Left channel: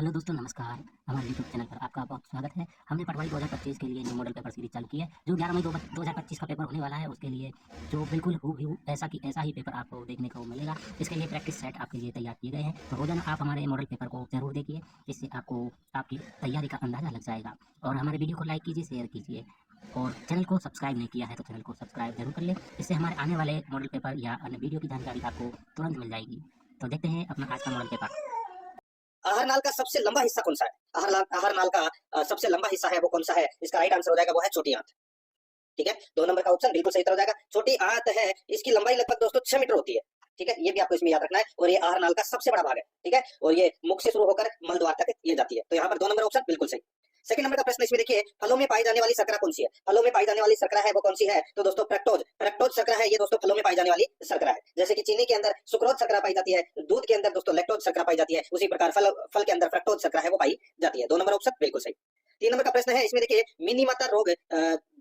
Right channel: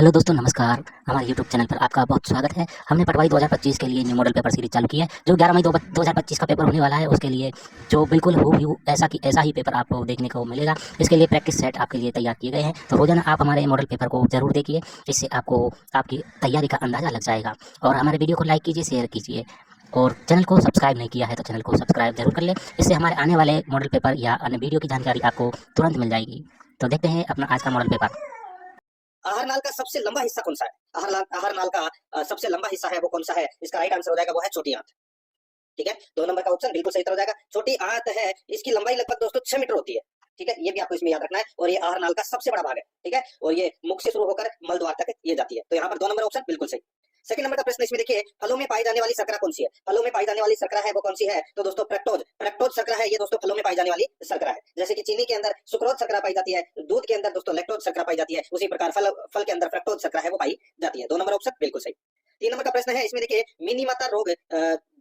Hello दोस्तों, नमस्कार। हमारे यूट्यूब चैनल पर आपका बहुत स्वागत है। हमने पटवाई 2025 के लिए न्यू मॉडल पेपर सीरीज चालू की है, जो 11 मई 2025 का पेपर होने वाला है। उसके लिए जो बिल्कुल हूबहू ऐसा ही पेपर आपको देखने को मिलेगा। इसके लिए प्रैक्टिस सेट आपके लिए तैयार किए गए हैं, तो रोजाना आप हमारे मॉडल पेपर को जरूर देखिए। इससे आपको आपकी तैयारी का अंदाजा लग जाएगा। और हमारे वीडियो को लाइक कीजिए, शेयर कीजिए, और चैनल को सब्सक्राइब नहीं किया है तो चैनल को सब्सक्राइब जरूर कर ले। इससे हमारे आने वाले मॉडल पेपर या अन्य वीडियो की जानकारी आपको तुरंत मिल जाएगी। तो देखते हैं अपना आज का मॉडल पेपर। आहारनाल का सबसे लंबा हिस्सा कौन सा है? आहारनाल का सबसे लंबा हिस्सा है वो कौन सा है? इसका राइट आंसर हो जाएगा वो है छोटी आंत। ठीक है, 2 नंबर का ऑप्शन बिल्कुल सही उत्तर हो जाएगा। छोटी आंत है, इसकी लंबाई लगभग दोस्तों 6 मीटर होती है। ठीक है, ये भी आपको इसमें याद रखना है। और ये आहारनाल का सबसे बड़ा भाग है। ठीक है, और ये मुख से शुरू होकर मल द्वार तक ये जाती है। तो यहाँ पर 2 नंबर ऑप्शन बिल्कुल सही। सेकंड नंबर का प्रश्न इसमें देखिए, फलों में पाई जाने वाली शर्करा कौन सी है? फलों में पाई जाने वाली शर्करा है वो कौन सी है? तो दोस्तों फ्रक्टोज शर्करा है। ये दोस्तों फलों में पाई जाने वाली शर्करा है। जैसे कि चीनी के अंदर सुक्रोज शर्करा पाई जाती है, दूध के अंदर दोस्तों लैक्टोज शर्करा पाई जाती है, उसी प्रकार फल के अंदर फ्रक्टोज शर्करा है वो पाई जाती है। 2 नंबर ऑप्शन बिल्कुल सही। 3 नंबर का प्रश्न है इसमें देखिए, मिनी माता रोग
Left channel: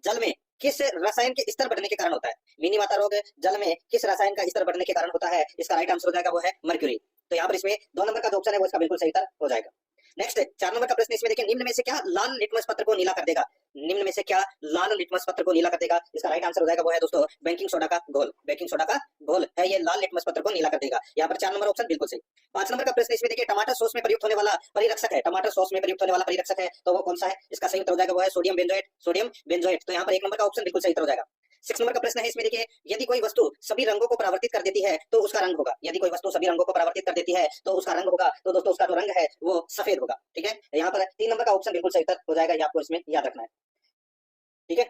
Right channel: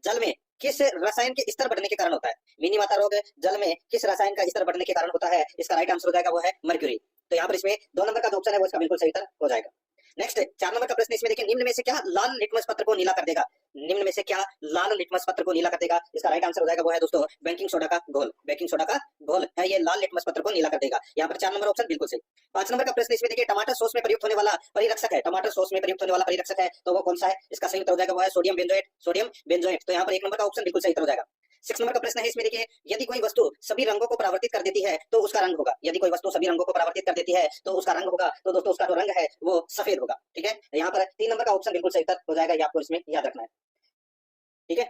जल में किस रसायन के स्तर बढ़ने के कारण होता है? मिनी माता रोग जल में किस रसायन का स्तर बढ़ने के कारण होता है? इसका राइट आंसर हो जाएगा वो है मर्क्यूरी। तो यहाँ पर इसमें 2 नंबर का जो ऑप्शन है वो इसका बिल्कुल सही उत्तर हो जाएगा। नेक्स्ट 4 नंबर का प्रश्न इसमें देखिए, निम्न में से क्या लाल लिटमस पत्र को नीला कर देगा? निम्न में से क्या लाल लिटमस पत्र को नीला कर देगा? इसका राइट आंसर हो जाएगा वो है दोस्तों बेकिंग सोडा का घोल। बेकिंग सोडा का घोल है, ये लाल लिटमस पत्र को नीला कर देगा। यहाँ पर 4 नंबर ऑप्शन बिल्कुल सही। 5 नंबर का प्रश्न इसमें देखिए, टमाटर सॉस में प्रयुक्त होने वाला परिरक्षक है। टमाटर सॉस में प्रयुक्त होने वाला परिरक्षक है, तो वो कौन सा है? इसका सही उत्तर हो जाएगा वो है सोडियम बेंजोएट। Sodium benzoate. तो यहाँ पर 1 नंबर का ऑप्शन बिल्कुल सही उत्तर हो जाएगा। 6 नंबर का प्रश्न है इसमें देखिए, यदि कोई वस्तु सभी रंगों को परावर्तित कर देती है तो उसका रंग होगा। यदि कोई वस्तु सभी रंगों को परावर्तित कर देती है तो उसका रंग होगा, तो दोस्तों उसका जो रंग है वो सफेद होगा। ठीक है, यहाँ पर 3 नंबर का ऑप्शन बिल्कुल सही उत्तर हो जाएगा, ये आपको इसमें याद रखना है। ठीक है,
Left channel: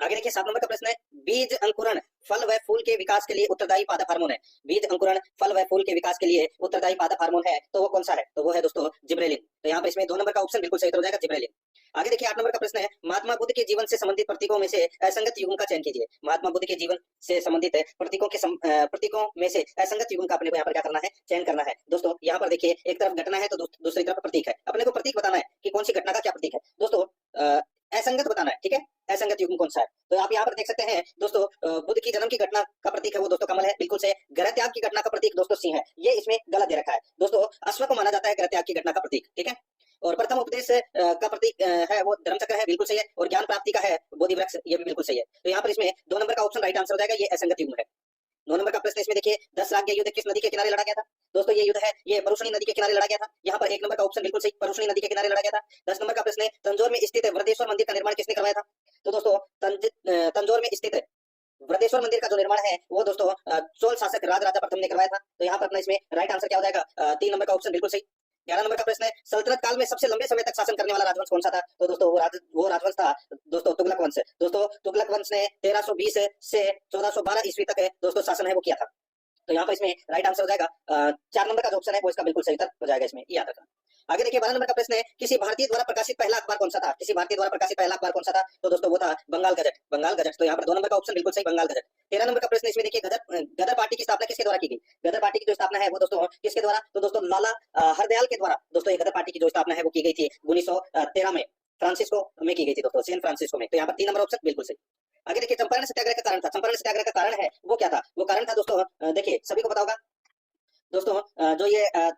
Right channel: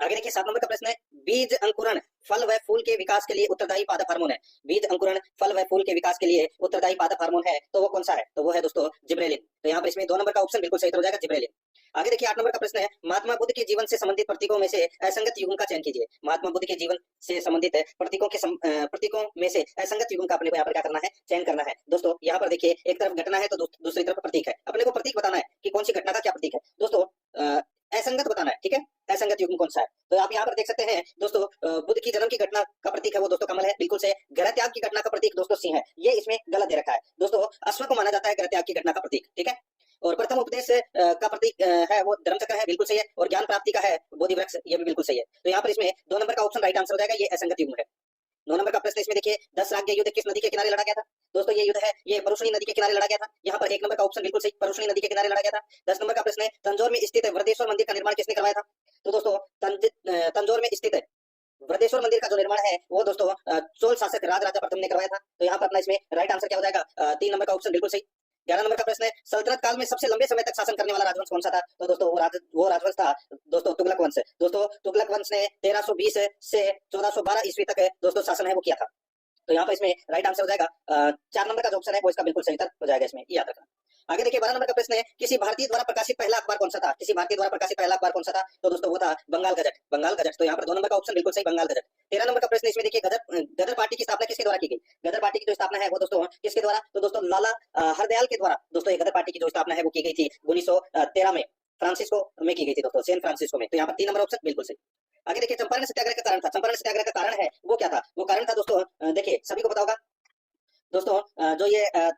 आगे देखिए 7 नंबर का प्रश्न है, बीज अंकुरण फल व फूल के विकास के लिए उत्तरदायी पादप हार्मोन है। बीज अंकुरण फल व फूल के विकास के लिए उत्तरदायी पादप हार्मोन है, तो वो कौन सा है? तो वो है दोस्तों जिब्रेलिन। तो यहाँ पर इसमें 2 नंबर का ऑप्शन बिल्कुल सही उत्तर हो जाएगा, जिब्रेलिन। आगे देखिए 8 नंबर का प्रश्न है, महात्मा बुद्ध के जीवन से संबंधित प्रतीकों में से असंगत युग्म का चयन कीजिए। महात्मा बुद्ध के जीवन से संबंधित प्रतीकों में से असंगत युग्म का अपने को यहाँ पर क्या करना है? चयन करना है। दोस्तों यहाँ पर देखिए, एक तरफ घटना है तो दूसरी तरफ प्रतीक है। अपने को प्रतीक बताना है कि कौन सी घटना का क्या प्रतीक है। दोस्तों असंगत बताना है। ठीक है, असंगत युग्म कौन सा है? तो आप यहाँ पर देख सकते हैं दोस्तों, बुद्ध की जन्म की घटना का प्रतीक है वो दोस्तों कमल है, बिल्कुल से। ग्रह त्याग की घटना का प्रतीक दोस्तों सिंह है, ये इसमें गलत दे रखा है। दोस्तों अश्व को माना जाता है ग्रह त्याग की घटना का प्रतीक। ठीक है, और प्रथम उपदेश का प्रतीक है वो धर्मचक्र है, बिल्कुल सही है। और ज्ञान प्राप्ति का है बोधि वृक्ष, ये भी बिल्कुल सही है। तो यहाँ पर इसमें 2 नंबर का ऑप्शन राइट आंसर हो जाएगा, ये असंगत युग्म है। 9 नंबर का प्रश्न इसमें देखिए, 10 राज्य युद्ध किस नदी के किनारे लड़ा गया था? दोस्तों ये युद्ध है ये परुषणी नदी के किनारे लड़ा गया था। यहाँ पर 1 नंबर का ऑप्शन बिल्कुल सही, परुषणी नदी के किनारे लड़ा गया था। 10 नंबर का प्रश्न है, तंजौर में स्थित वृद्धेश्वर मंदिर का निर्माण किसने करवाया था? तो दोस्तों तंजौर में स्थित वृद्धेश्वर मंदिर का जो निर्माण है वो दोस्तों चोल शासक राजराजा प्रथम ने करवाया था। तो यहाँ पर अपना इसमें राइट आंसर क्या हो जाएगा? 3 नंबर का ऑप्शन बिल्कुल सही। 11 नंबर का प्रश्न है, सल्तनत काल में सबसे लंबे समय तक शासन करने वाला राजवंश कौन सा था? तो दोस्तों वो राजवंश था दोस्तों तुगलक वंश। दोस्तों तुगलक वंश ने 1320 से 1412 ईस्वी तक दोस्तों शासन है वो किया था। तो यहाँ पर इसमें राइट आंसर हो जाएगा 4 नंबर का जो ऑप्शन है वो इसका बिल्कुल सही उत्तर हो जाएगा, इसमें याद रखना। आगे देखिए 12 नंबर का प्रश्न है, किसी भारतीय द्वारा प्रकाशित पहला अखबार कौन सा था? किसी भारतीय द्वारा प्रकाशित पहला अखबार कौन सा था? तो दोस्तों वो था बंगाल गजट। बंगाल गजट। तो यहाँ पर 2 नंबर का ऑप्शन बिल्कुल सही, बंगाल गजट। 13 नंबर का प्रश्न इसमें देखिए, गदर पार्टी की स्थापना किसके द्वारा की गई? गदर पार्टी की जो स्थापना है वो दोस्तों किसके द्वारा? तो दोस्तों लाला हरदयाल के द्वारा दोस्तों ये गदर पार्टी की जो स्थापना है वो की गई थी 1913 में, फ्रांसिस्को में की गई थी दोस्तों, सैन फ्रांसिस्को में। तो यहाँ पर 3 नंबर ऑप्शन बिल्कुल सही। आगे देखिए चंपारण सत्याग्रह का कारण था। चंपारण सत्याग्रह का कारण है वो क्या था? वो कारण था दोस्तों देखिए सभी को पता होगा दोस्तों, जो ये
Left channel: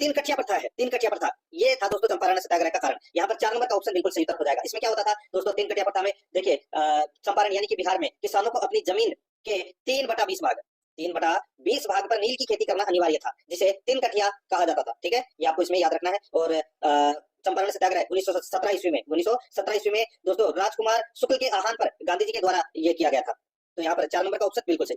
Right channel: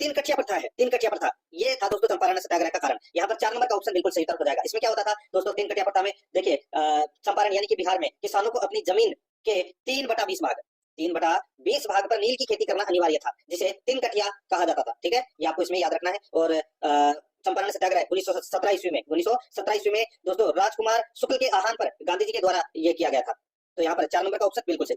3 कठिया प्रथा है, 3 कठिया प्रथा, ये था दोस्तों चंपारण सत्याग्रह का कारण। यहाँ पर 4 नंबर का ऑप्शन बिल्कुल सही उत्तर हो जाएगा। इसमें क्या होता था दोस्तों 3 कठिया प्रथा में? देखिए चंपारण यानी कि बिहार में किसानों को अपनी जमीन के 3/20 भाग, 3/20 भाग पर नील की खेती करना अनिवार्य था, जिसे 3 कठिया कहा जाता था। ठीक है, ये आपको इसमें याद रखना है। और चंपारण सत्याग्रह 1917 ईस्वी में, 1917 ईस्वी में दोस्तों राजकुमार शुक्ल के आह्वान पर गांधी जी के द्वारा ये किया गया था। तो यहाँ पर 4 नंबर का ऑप्शन बिल्कुल सही।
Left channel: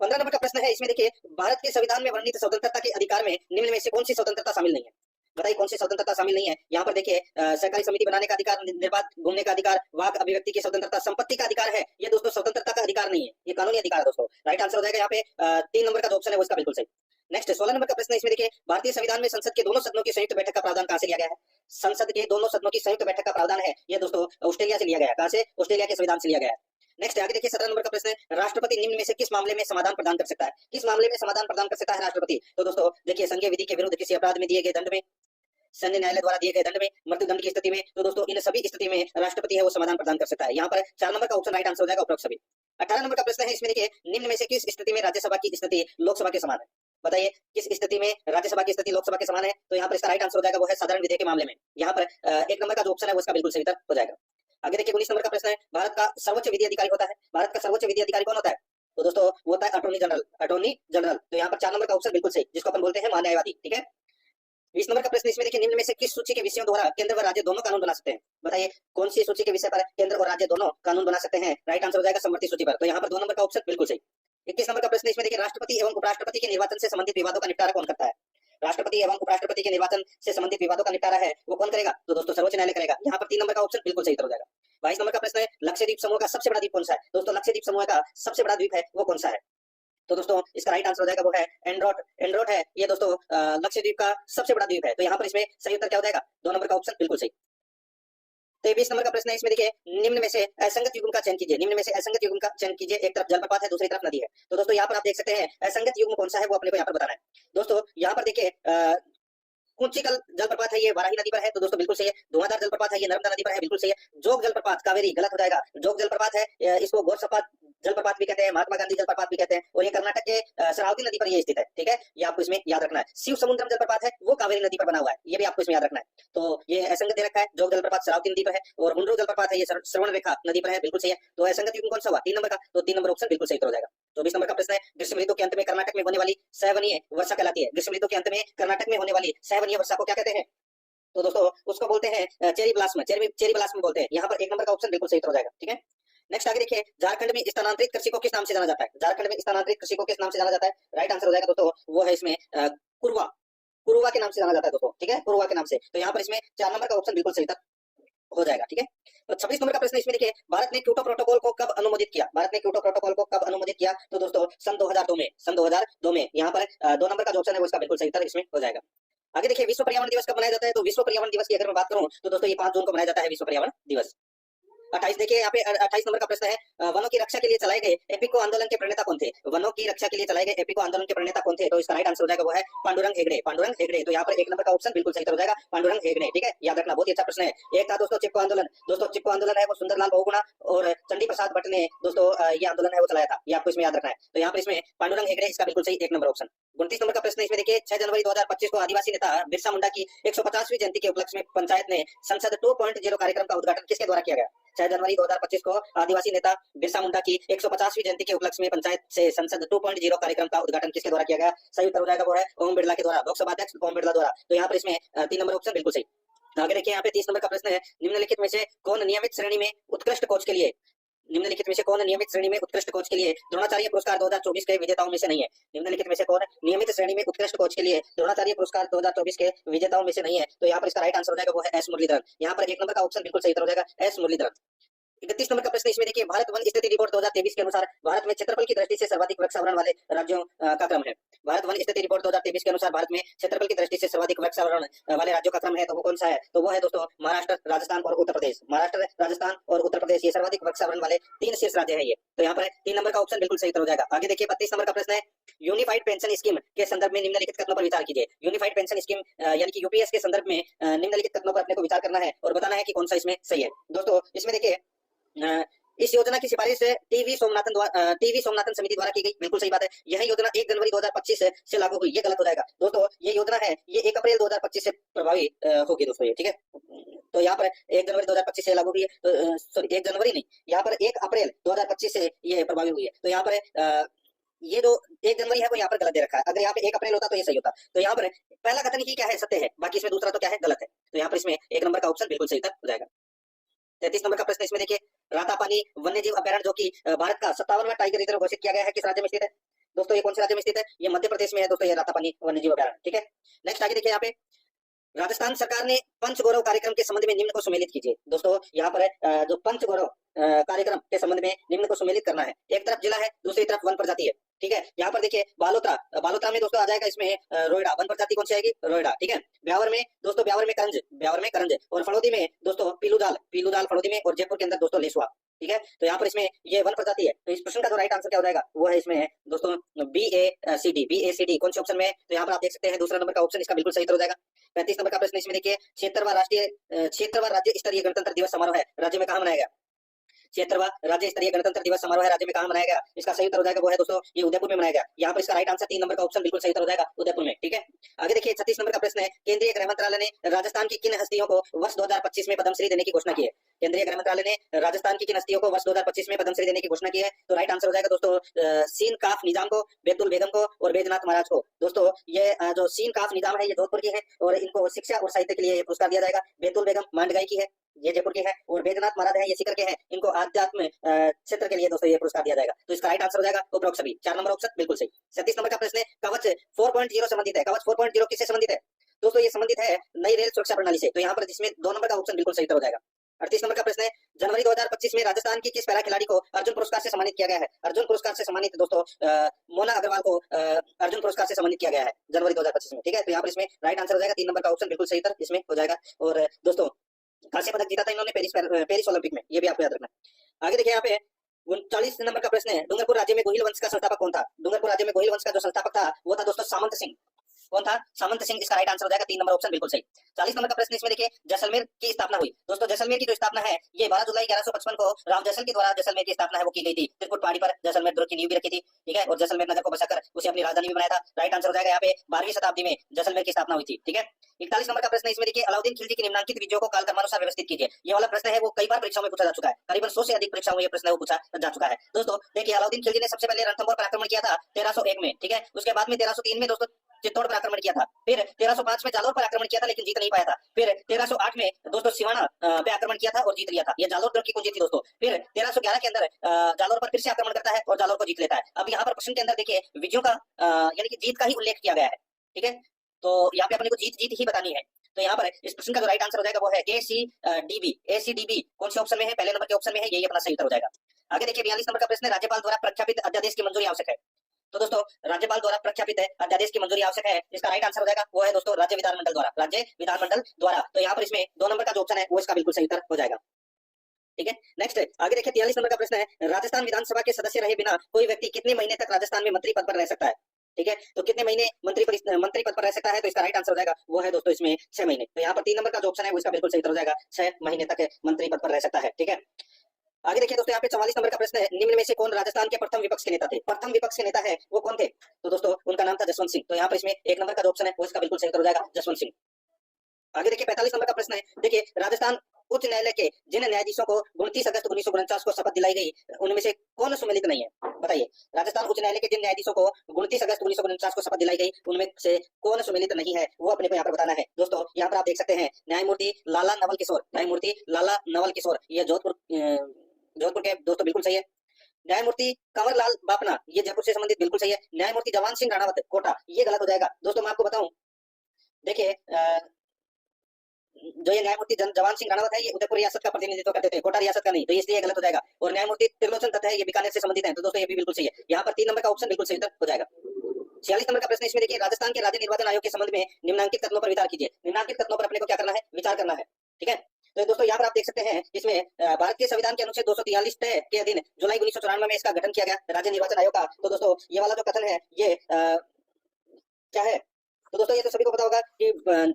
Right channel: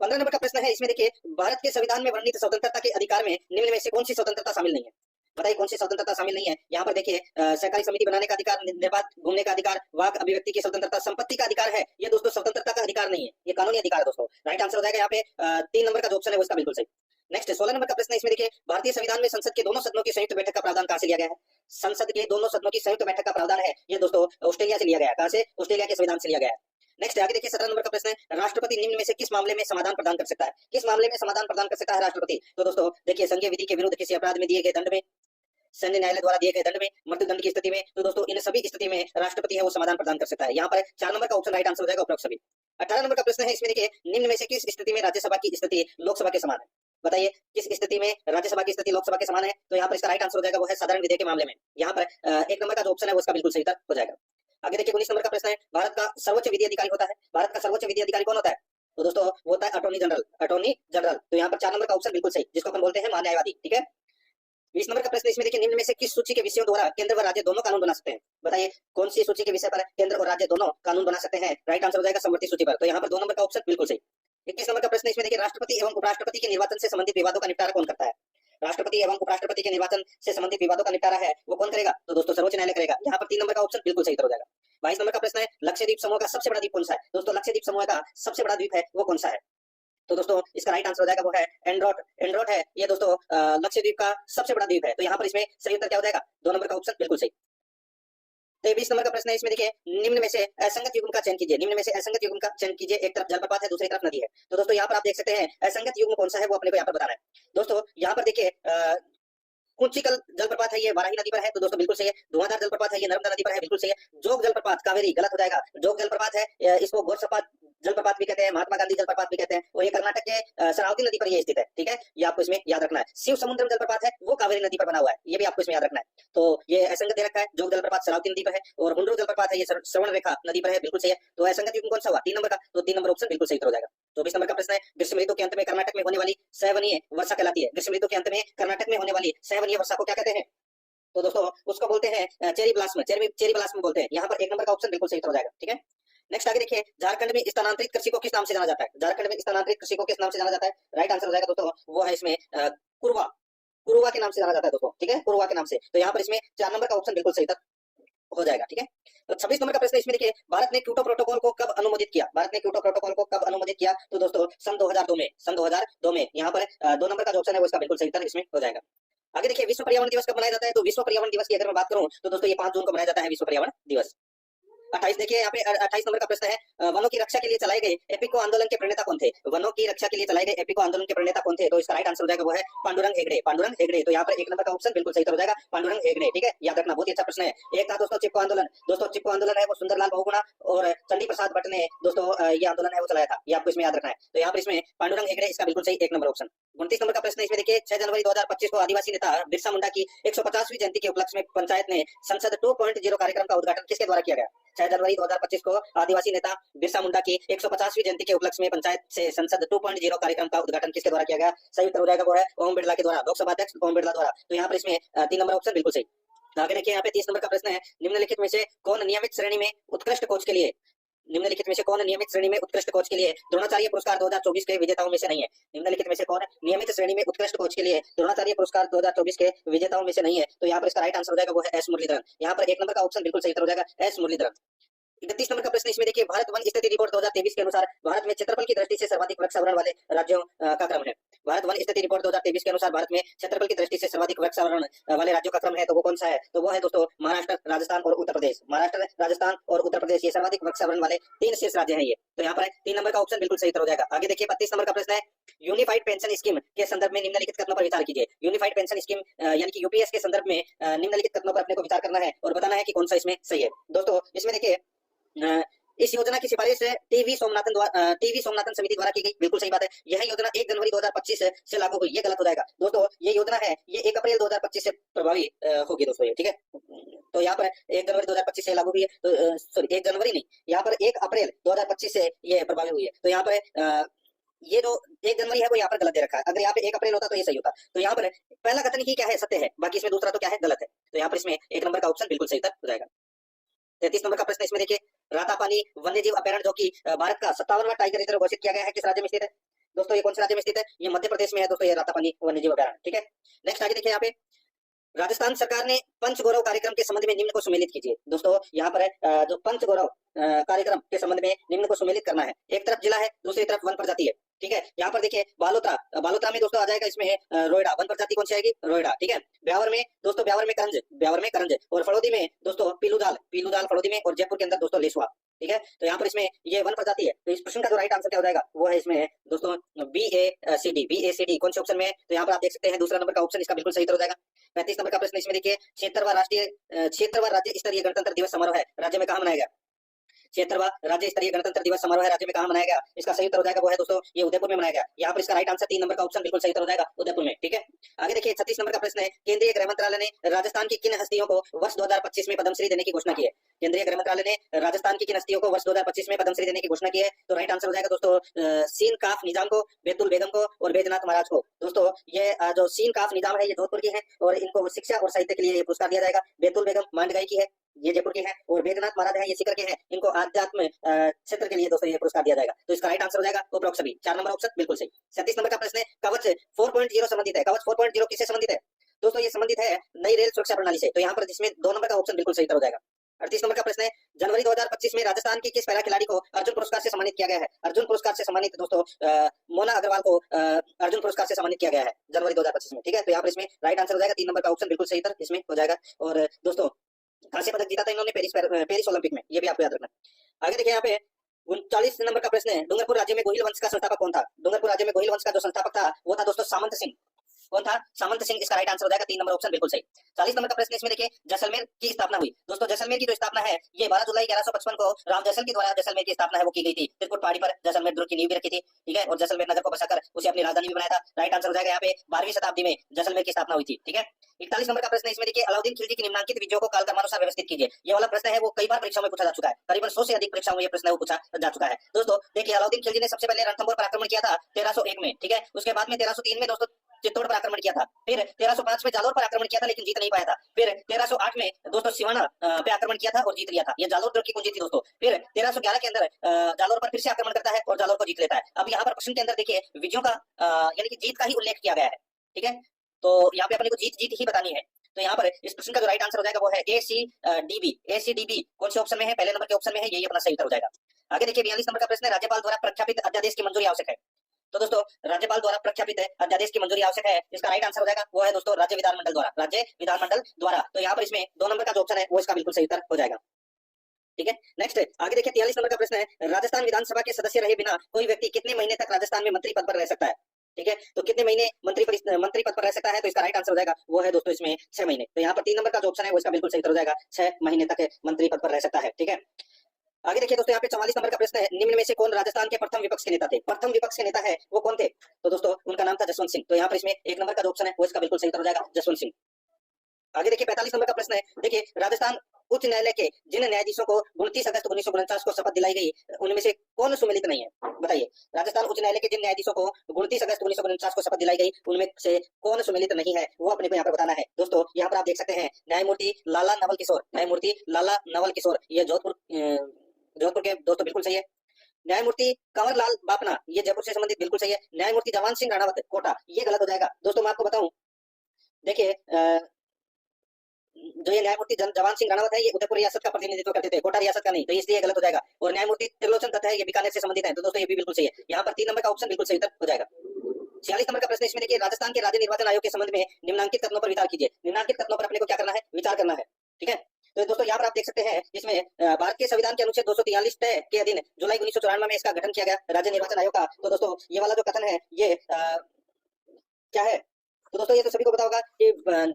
15 नंबर का प्रश्न है इसमें देखिए, भारत के संविधान में वर्णित स्वतंत्रता के अधिकार में निम्न में से कौन सी स्वतंत्रता शामिल नहीं है? बताइए कौन सी स्वतंत्रता शामिल नहीं है? यहाँ पर देखिए सहकारी समिति बनाने का अधिकार, निर्बाध घूमने का अधिकार, वाक अभिव्यक्ति की स्वतंत्रता, संपत्ति का अधिकार है, ये दोस्तों स्वतंत्रता का अधिकार नहीं है, ये कानूनी अधिकार है दोस्तों। राइट आंसर हो जाएगा यहाँ पे 3 नंबर का जो ऑप्शन है वो इसका बिल्कुल सही। नेक्स्ट 16 नंबर का प्रश्न इसमें देखिए, भारतीय संविधान में संसद के दोनों सदनों की संयुक्त बैठक का प्रावधान कहां से लिया गया है? संसद के दोनों सदनों की संयुक्त बैठक का प्रावधान है ये दोस्तों ऑस्ट्रेलिया से लिया गया है। कहां से? ऑस्ट्रेलिया के संविधान से लिया गया है। नेक्स्ट आगे देखिए 17 नंबर का प्रश्न है, राष्ट्रपति निम्न में से किस मामले में समाधान प्रदान कर सकता है? किस मामले में समाधान प्रदान कर सकता है राष्ट्रपति? तो दोस्तों देखिए संघीय विधि के विरुद्ध किसी अपराध में दिए गए दंड में, सैन्य न्यायालय द्वारा दिए गए दंड में, मृत्यु दंड की स्थिति में, तो दोस्तों इन सभी स्थिति में राष्ट्रपति है वो समाधान प्रदान कर सकता है। यहाँ पर 4 नंबर का ऑप्शन राइट आंसर हो जाएगा उपरोक्त सभी। 18 नंबर का प्रश्न है इसमें देखिए, निम्न में से किस स्थिति में राज्यसभा की स्थिति लोकसभा के समान है? बताइए किस स्थिति में राज्यसभा की स्थिति लोकसभा के समान है? तो यहाँ पर इसका राइट आंसर हो जाएगा वो है साधारण विधेयक के मामले में। यहाँ पर एक नंबर का जो ऑप्शन है वो इसका बिल्कुल सही उत्तर हो जाएगा। आगे देखिए 19 नंबर का प्रश्न है, भारत का सर्वोच्च विधि अधिकारी होता है, भारत का सर्वोच्च विधि अधिकारी कौन होता है? तो दोस्तों वो होता है अटॉर्नी जनरल, अटॉर्नी जनरल। तो यहाँ पर 4 नंबर का ऑप्शन बिल्कुल सही, जिसको अपन बोलते हैं महान्यायवादी, ठीक है। 20 नंबर का प्रश्न इसमें देखिए, निम्न में से किस सूची के विषयों द्वारा केंद्र व राज्य दोनों कानून बना सकते हैं? बताइए कौन सी सूची के विषय पर केंद्र और राज्य दोनों कानून बना सकते हैं? राइट आंसर हो जाएगा समवर्ती सूची पर। तो यहाँ पर 2 नंबर का ऑप्शन बिल्कुल सही। 21 नंबर का प्रश्न इसमें देखिए, राष्ट्रपति एवं उपराष्ट्रपति के निर्वाचन से संबंधित विवादों का निपटारा कौन करता है? राष्ट्रपति एवं उपराष्ट्रपति के निर्वाचन से संबंधित विवादों का निपटारा है वो कौन करेगा? तो दोस्तों सर्वोच्च न्यायालय करेगा। यहाँ पर 3 नंबर का ऑप्शन बिल्कुल सही उत्तर हो जाएगा। 22 नंबर का प्रश्न है, लक्षद्वीप समूह का सबसे बड़ा द्वीप कौन सा है? दोस्तों लक्षद्वीप समूह का सबसे बड़ा द्वीप है वो कौन सा है? तो दोस्तों इसका राइट आंसर हो जाएगा वो है एंड्रोट। एंड्रोट है ये दोस्तों लक्षद्वीप का सबसे बड़ा द्वीप है। तो यहाँ पर इसमें सही उत्तर क्या हो जाएगा? 2 नंबर का ऑप्शन बिल्कुल सही। 23 नंबर का प्रश्न है इसमें देखिए, निम्न में से असंगत युग्म का चयन कीजिए। निम्न में से असंगत युग्म का चयन कीजिए। एक तरफ जलप्रपात है, दूसरी तरफ नदी है। तो दोस्तों यहाँ पर आप देख सकते हैं असंगत युग्म कौन सा है वो अपने को यहाँ पर बताना है। दोस्तों यहाँ पर देखिए कुंचिकल जलप्रपात है ये वाराही नदी पर है, तो दोस्तों बिल्कुल सही है। धुआंधार जलप्रपात है ये नर्मदा नदी पर है, बिल्कुल सही है। जोग जलप्रपात कावेरी गलत हो जाएगा। जोग जलप्रपात है इसको घोरसपात जलप्रपात भी कहते हैं, महात्मा गांधी जलप्रपात भी कहते हैं, और ये कर्नाटक के शरावती नदी पर ये स्थित है, ठीक है। ये आपको इसमें याद रखना है। शिव समुद्रम जलप्रपात है वो कावेरी नदी पर बना हुआ है, ये भी आपको इसमें याद रखना है। तो ये असंगत दे रखा है। जोग जलप्रपात शरावती नदी पर है, और हुंड्रू जलप्रपात है ये श्रवण रेखा नदी पर है, बिल्कुल सही है। तो असंगत युग्म कौन सा हुआ? 3 नंबर का। तो 3 नंबर ऑप्शन बिल्कुल सही हो जाएगा। 24 नंबर का प्रश्न है, ग्रीष्म ऋतु के अंत में कर्नाटक में होने वाली सवनीय वर्षा कहलाती है। ग्रीष्म ऋतु के अंत में कर्नाटक में होने वाली सवनीय वर्षा को क्या कहते हैं? तो दोस्तों उसको बोलते हैं चेरी ब्लास्म, चेरी ब्लास्म बोलते हैं। यहाँ पर 1 नंबर का ऑप्शन बिल्कुल सही हो जाएगा, ठीक है। नेक्स्ट आगे देखिए, झारखंड में स्थानांतरित कृषि को किस नाम से जाना जाता है? झारखंड में स्थानांतरित कृषि को किस नाम से जाना जाता है? राइट आंसर हो जाएगा दोस्तों वो है इसमें कुरवा, कुरुवा के नाम से जाना जाता है दोस्तों, ठीक है, कुरुवा के नाम से। तो यहाँ पर इसमें 4 नंबर का ऑप्शन बिल्कुल सही हो जाएगा, ठीक है। तो 26 नंबर का प्रश्न इसमें देखिए, भारत ने क्योटो प्रोटोकॉल को कब अनुमोदित किया? भारत ने क्योटो प्रोटोकॉल को कब अनुमोदित किया? तो दोस्तों सन 2002 में, सन 2002 में। यहाँ पर 2 नंबर का जो ऑप्शन है वो इसका बिल्कुल सही उत्तर इसमें हो जाएगा। आगे देखिए, विश्व पर्यावरण दिवस कब मनाया जाता है? तो विश्व पर्यावरण दिवस की अगर मैं बात करूं तो दोस्तों ये 5 जून को मनाया जाता है विश्व पर्यावरण दिवस। 28 देखिए, यहाँ पे 28 नंबर का प्रश्न है, वनों की रक्षा के लिए चलाए गए एपिको आंदोलन के प्रणेता कौन थे? वनों की रक्षा के लिए चलाए गए एपिको आंदोलन के प्रणेता कौन थे? तो इसका राइट आंसर हो जाएगा वो है पांडुरंग हेगड़े, पांडुरंग हेगड़े। तो यहाँ पर 1 नंबर का ऑप्शन बिल्कुल सही हो जाएगा, पांडुरंग हेगड़े, ठीक है, याद रखना, बहुत ही अच्छा प्रश्न है। एक था दोस्तों चिपको आंदोलन। दोस्तों चिपको आंदोलन है वो सुंदरलाल बहुगुणा और चंडी प्रसाद भट्ट ने दोस्तों ये आंदोलन है वो चलाया था, ये आपको इसमें याद रखना है। तो यहाँ पर इसमें पांडुरंग हेगड़े इसका बिल्कुल सही 1 नंबर ऑप्शन। 29 नंबर का प्रश्न इसमें देखिए, 6 जनवरी 2025 को आदिवासी नेता बिरसा मुंडा की 150वीं जयंती के उपलक्ष्य में पंचायत ने संसद 2.0 कार्यक्रम का उद्घाटन किसके द्वारा किया गया? 6 जनवरी 2025 को आदिवासी नेता बिरसा मुंडा की 150वीं जयंती के उपलक्ष्य में पंचायत से संसद 2.0 कार्यक्रम का उद्घाटन किसके द्वारा किया गया? सही उत्तर हो जाएगा वो है ओम बिरला के द्वारा, लोकसभा अध्यक्ष ओम बिरला द्वारा। तो यहाँ पर इसमें 3 नंबर ऑप्शन बिल्कुल सही। आगे देखिए, यहाँ पे 30 नंबर का प्रश्न है, निम्नलिखित में से कौन नियमित श्रेणी में उत्कृष्ट कोच के लिए द्रोणाचार्य पुरस्कार 2024 के विजेताओं में से नहीं है? निम्नलिखित में से कौन नियमित श्रेणी में उत्कृष्ट कोच के लिए द्रोणाचार्य पुरस्कार 2024 के विजेताओं में से नहीं है? तो यहाँ पर इसका राइट आंसर हो जाएगा वो है एस मुरलीधरन। यहाँ पर 1 नंबर का ऑप्शन बिल्कुल सही हो जाएगा, एस मुरलीधरन। 31 नंबर का प्रश्न इसमें देखिए, भारत वन स्थिति रिपोर्ट 2023 के अनुसार भारत में क्षेत्रफल की दृष्टि से सर्वाधिक वृक्षावरण वाले राज्यों का क्रम है। भारत वन स्थिति रिपोर्ट 2023 के अनुसार भारत में क्षेत्रफल की दृष्टि से सर्वाधिक वृक्षावरण वाले राज्यों का क्रम है, तो वो कौन सा है? तो वो है दोस्तों महाराष्ट्र, राजस्थान और उत्तर प्रदेश। महाराष्ट्र, राजस्थान और उत्तर प्रदेश ये सर्वाधिक वृक्षावरण वाले 3 शीर्ष राज्य हैं ये। तो यहाँ पर 3 नंबर का ऑप्शन बिल्कुल सही हो जाएगा। आगे देखिए, 32 नंबर का प्रश्न है, यूनिफाइड पेंशन स्कीम के संदर्भ में निम्नलिखित कथनों पर विचार कीजिए। यूनिफाइड पेंशन स्कीम यानी कि यूपीएस के संदर्भ में निम्नलिखित कथनों पर अपने को विचार करना है और बताना है कि कौन सा इसमें सही है। दोस्तों इसमें देखिए, इस योजना की सिफारिश टीवी सोमनाथन समिति द्वारा की गई, बिल्कुल सही बात है। यह योजना 1 जनवरी 2025 से लागू हुई, ये गलत हो जाएगा। दोस्तों ये योजना है ये 1 अप्रैल 2025 से प्रभावी होगी दोस्तों, ये ठीक है। तो यहाँ पर 1 जनवरी 2025 से लागू हुई है, सॉरी 1 जनवरी नहीं, यहाँ पर 1 अप्रैल 2025 से ये प्रभावी हुई है। तो यहाँ पर ये जो 1 जनवरी है वो यहाँ पर गलत दे रखा है। अगर यहाँ पे 1 अप्रैल होता तो ये सही होता। तो यहाँ पर पहला कथन ही क्या है, सत्य है, बाकी इसमें दूसरा तो क्या है, गलत है। तो यहाँ पर इसमें 1 नंबर का ऑप्शन बिल्कुल सही हो जाएगा। 33 नंबर का प्रश्न इसमें देखिए, रातापानी वन्यजीव अभयारण्य जो कि भारत का 57वां टाइगर रिजर्व घोषित किया गया है, किस राज्य में स्थित है? दोस्तों ये कौन से राज्य में स्थित है? ये मध्य प्रदेश में है दोस्तों, ये रातापानी वन्यजीव अभयारण्य, ठीक है। नेक्स्ट आगे देखिए, यहाँ पे राजस्थान सरकार ने पंचगौरव कार्यक्रम के संबंध में निम्न को सुमेलित कीजिए। दोस्तों यहाँ पर जो पंचगौरव कार्यक्रम के संबंध में निम्न को सुमेलित करना है। एक तरफ जिला है, दूसरी तरफ वन प्रजाति है, ठीक है। यहाँ पर देखिए बालोतरा में दोस्तों आ जाएगा इसमें रोयडा, वन प्रजाति कौन सी आएगी? रोयडा, ठीक है। ब्यावर में दोस्तों ब्यावर में करंज और फड़ौदी में दोस्तों पीलूदाल फड़ौदी में, और जयपुर के अंदर दोस्तों लेसुआ, ठीक है। तो यहाँ पर इसमें ये वन प्रजाति है। तो इस प्रश्न का जो राइट आंसर क्या हो जाएगा वो है इसमें है दोस्तों BACD कौन से ऑप्शन में है? तो यहाँ पर आप देख सकते हैं दूसरा नंबर का ऑप्शन इसका बिल्कुल सही हो जाएगा। 35 नंबर का प्रश्न इसमें देखिए, 76वां राज्य स्तरीय गणतंत्र दिवस समारोह है राज्य में कहाँ मनाया गया? 76वां राज्य स्तरीय गणतंत्र दिवस समारोह राज्य में कहाँ मनाया गया? इसका सही उत्तर हो जाएगा वो है दोस्तों ये उदयपुर में मनाया गया। यहाँ पर इसका राइट आंसर 3 नंबर का ऑप्शन बिल्कुल सही उत्तर हो जाएगा उदयपुर में। ठीक है, आगे देखिए 36 नंबर का प्रश्न है, केंद्रीय गृह मंत्रालय ने राजस्थान की किन हस्तियों को वर्ष 2025 में पद्मश्री देने की घोषणा की है? केंद्रीय गृह मंत्रालय ने राजस्थान की किन हस्तियों को वर्ष 2025 में पद्मश्री देने की घोषणा की है? तो राइट आंसर हो जाएगा दोस्तों सीन काफ निजाम को, बैतुल बेगम को और बैजनाथ महाराज को। दोस्तों ये जो सीन काफ निजाम है ये जोधपुर की है और इनको शिक्षा और साहित्य के लिए ये पुरस्कार दिया जाएगा। बैतुल बेगम मांडगाई की है, ये जयपुर के हैं, और बैजनाथ महाराज है ये सीकर के हैं, इनको आध्यात्म क्षेत्र के लिए दोस्तों ये पुरस्कार दिया जाएगा। तो इसका राइट आंसर हो जाएगा उपरोक्त सभी 4 नंबर ऑप्शन बिल्कुल सही। 37 नंबर का प्रश्न है, कवच 4.0 संबंधित है। कवच 4.0 किससे संबंधित है? दोस्तों ये संबंधित है नई रेल सुरक्षा प्रणाली से। तो यहाँ पर जिसमें 2 नंबर का ऑप्शन बिल्कुल सही हो जाएगा। 38 नंबर का प्रश्न है, जनवरी 2025 में राजस्थान की किस पैरा खिलाड़ी को अर्जुन पुरस्कार से सम्मानित किया गया है? अर्जुन पुरस्कार से सम्मानित दोस्तों मोना अग्रवाल को अर्जुन पुरस्कार से सम्मानित किया गया है जनवरी 2025 में। ठीक है, तो यहाँ पर इसमें राइट आंसर हो जाएगा 3 नंबर का ऑप्शन बिल्कुल सही उत्तर इसमें हो जाएगा। और दोस्तों कांस्य पदक जीता था इन्होंने पेरिस ओलंपिक में, ये भी आपको याद रखना। आगे देखिए यहाँ पे 39 नंबर का प्रश्न है, डूंगरपुर राज्य में गोहिल वंश का संस्थापक कौन था? डूंगरपुर राज्य में गोहिल वंश का जो संस्थापक था वो था दोस्तों सामंत सिंह। कौन था? सामंत सिंह। इसका राइट आंसर हो जाएगा 3 नंबर ऑप्शन बिल्कुल सही। 40 नंबर का प्रश्न इसमें देखिए, जैसलमेर की स्थापना हुई। दोस्तों जैसलमेर की जो स्थापना है ये 12 जुलाई 1155 को राव जैसल के द्वारा जैसलमेर की स्थापना है वो की गई थी। त्रिकुट पहाड़ी पर जैसलमेर दुर्ग की नींव भी रखी थी। ठीक है, और जैसलमेर नगर को बसाकर उसे अपनी राजधानी भी बनाया था। राइट आंसर हो जाएगा यहाँ पे 12वीं शताब्दी में जैसलमेर की स्थापना हुई थी। ठीक है, 41 नंबर का प्रश्न इसमें देखिए, अलाउद्दीन खिलजी की निम्नलिखित विधियों को कालक्रमानुसार व्यवस्थित कीजिए। ये वाला प्रश्न है वो कई बार परीक्षाओं में पूछा जा चुका है, करीबन 100 से अधिक परीक्षाओं में ये प्रश्न पूछा जा चुका है। दोस्तों देखिए, अलाउद्दीन खिलजी ने सबसे पहले रणथंभौर पर आक्रमण किया था 1301 में। ठीक है, उसके बाद में 1303 में दोस्तों चित्तौड़ पर आक्रमण किया था, फिर 1305 में जालौर पर आक्रमण किया था लेकिन जीत नहीं पाया था, फिर 1308 में दोस्तों सिवाना पे आक्रमण किया था और जीत लिया था। ये जालौर दुर्ग की कुंजी थी दोस्तों। फिर 1311 के अंदर जालौर पर फिर से आक्रमण करता है और जालौर को जीत लेता है। अब यहाँ पर प्रश्न के अंदर देखिए विजयों का यानी कि जीत का ही उल्लेख किया गया है। ठीक है, तो यहाँ पे अपने को जीत जीत ही बतानी है। तो यहाँ पर इस प्रश्न का जो राइट आंसर हो जाएगा वो है ACDB। ACDB कौन से ऑप्शन में है? पहले नंबर के ऑप्शन में है, यही अपना सही उत्तर हो जाएगा। आगे देखिए 42 नंबर का प्रश्न है, राज्यपाल द्वारा प्रख्यापित अध्यादेश की मंजूरी आवश्यक है। तो दोस्तों राज्यपाल द्वारा प्रख्यापित अध्यादेश की मंजूरी आवश्यक है, इसका राइट आंसर हो जाएगा वो है दोस्तों राज्य विधानमंडल द्वारा। राज्य विधानमंडल द्वारा। तो यहाँ पर इसमें 2 नंबर का जो ऑप्शन है वो इसका बिल्कुल सही उत्तर हो जाएगा। ठीक है, नेक्स्ट आगे देखिए 43 नंबर का प्रश्न है, राजस्थान विधानसभा के सदस्य रहे बिना कोई व्यक्ति कितने महीने तक राजस्थान में मंत्री पद पर रह सकता है? ठीक है, तो कितने महीने मंत्री पद पर रह सकता है? तो इसका राइट आंसर हो जाएगा वो है दोस्तों इसमें 6 महीने। तो यहाँ पर 3 नंबर का जो ऑप्शन है वो इसका बिल्कुल सही उत्तर हो जाएगा, 6 महीने तक मंत्री पद पर रह सकता है। ठीक है, आगे देखिए दोस्तों यहाँ पे 44 नंबर का प्रश्न है, निम्न में से कौन राजस्थान के प्रथम विपक्ष के नेता थे? प्रथम विपक्ष के नेता है वो कौन थे? तो दोस्तों उनका नाम था जसवंत सिंह। तो यहाँ पर इसमें 1 नंबर का जो ऑप्शन है वो इसका बिल्कुल सही उत्तर हो जाएगा, जसवंत सिंह। आगे देखिए 45 नंबर का प्रश्न है, देखिए राजस्थान उच्च न्यायालय के जिन न्यायाधीशों को 29 अगस्त 1949 को शपथ दिलाई गई उनमें से कौन सुमेलित नहीं है? बताइए, राजस्थान उच्च न्यायालय के जिन न्यायाधीशों को 29 अगस्त 1949 को शपथ दिलाई गई उनमें से कौन सुमेलित नहीं है वो अपने को यहाँ पर बताना है। दोस्तों यहाँ पर आप देख सकते हैं न्यायमूर्ति लाला नवल किशोर, न्यायमूर्ति लाला नवल किशोर, ये जोधपुर के दोस्तों बिल्कुल सही है। न्यायमूर्ति कंवरलाल बापना, ये जयपुर से संबंधित बिल्कुल सही है। न्यायमूर्ति जवान सिंह राणावत कोटा, ये गलत हो जाएगा। दोस्तों मैं आपको बताऊं, देखिए जो ये न्यायमूर्ति जवान सिंह राणावत है ये उदयपुर रियासत का प्रतिनिधित्व करते थे, कोटा रियासत का नहीं, तो इसलिए गलत हो जाएगा। और न्यायमूर्ति त्रिलोचन दत्त है ये बीकानेर से संबंधित है, तो दोस्तों ये भी बिल्कुल सही है। यहाँ पर 3 नंबर का ऑप्शन बिल्कुल सही उत्तर हो जाएगा। 46 नंबर का प्रश्न इसमें देखिए, राजस्थान के राज्य निर्वाचन आयोग के संबंध में निम्नलिखित कथनों पर विचार कीजिए। निम्नलिखित कथनों पर अपने को क्या करना है? विचार करना है। ठीक है, तो दोस्तों यहाँ पर आप देख सकते हैं इसमें भारतीय संविधान के अनुच्छेद 243 के अधीन जुलाई 1994 में इसका गठन किया गया राज्य निर्वाचन आयोग का। तो दोस्तों ये वाला जो कथन है ये क्या है? तो दोस्तों ये तो सभी को पता होगा कि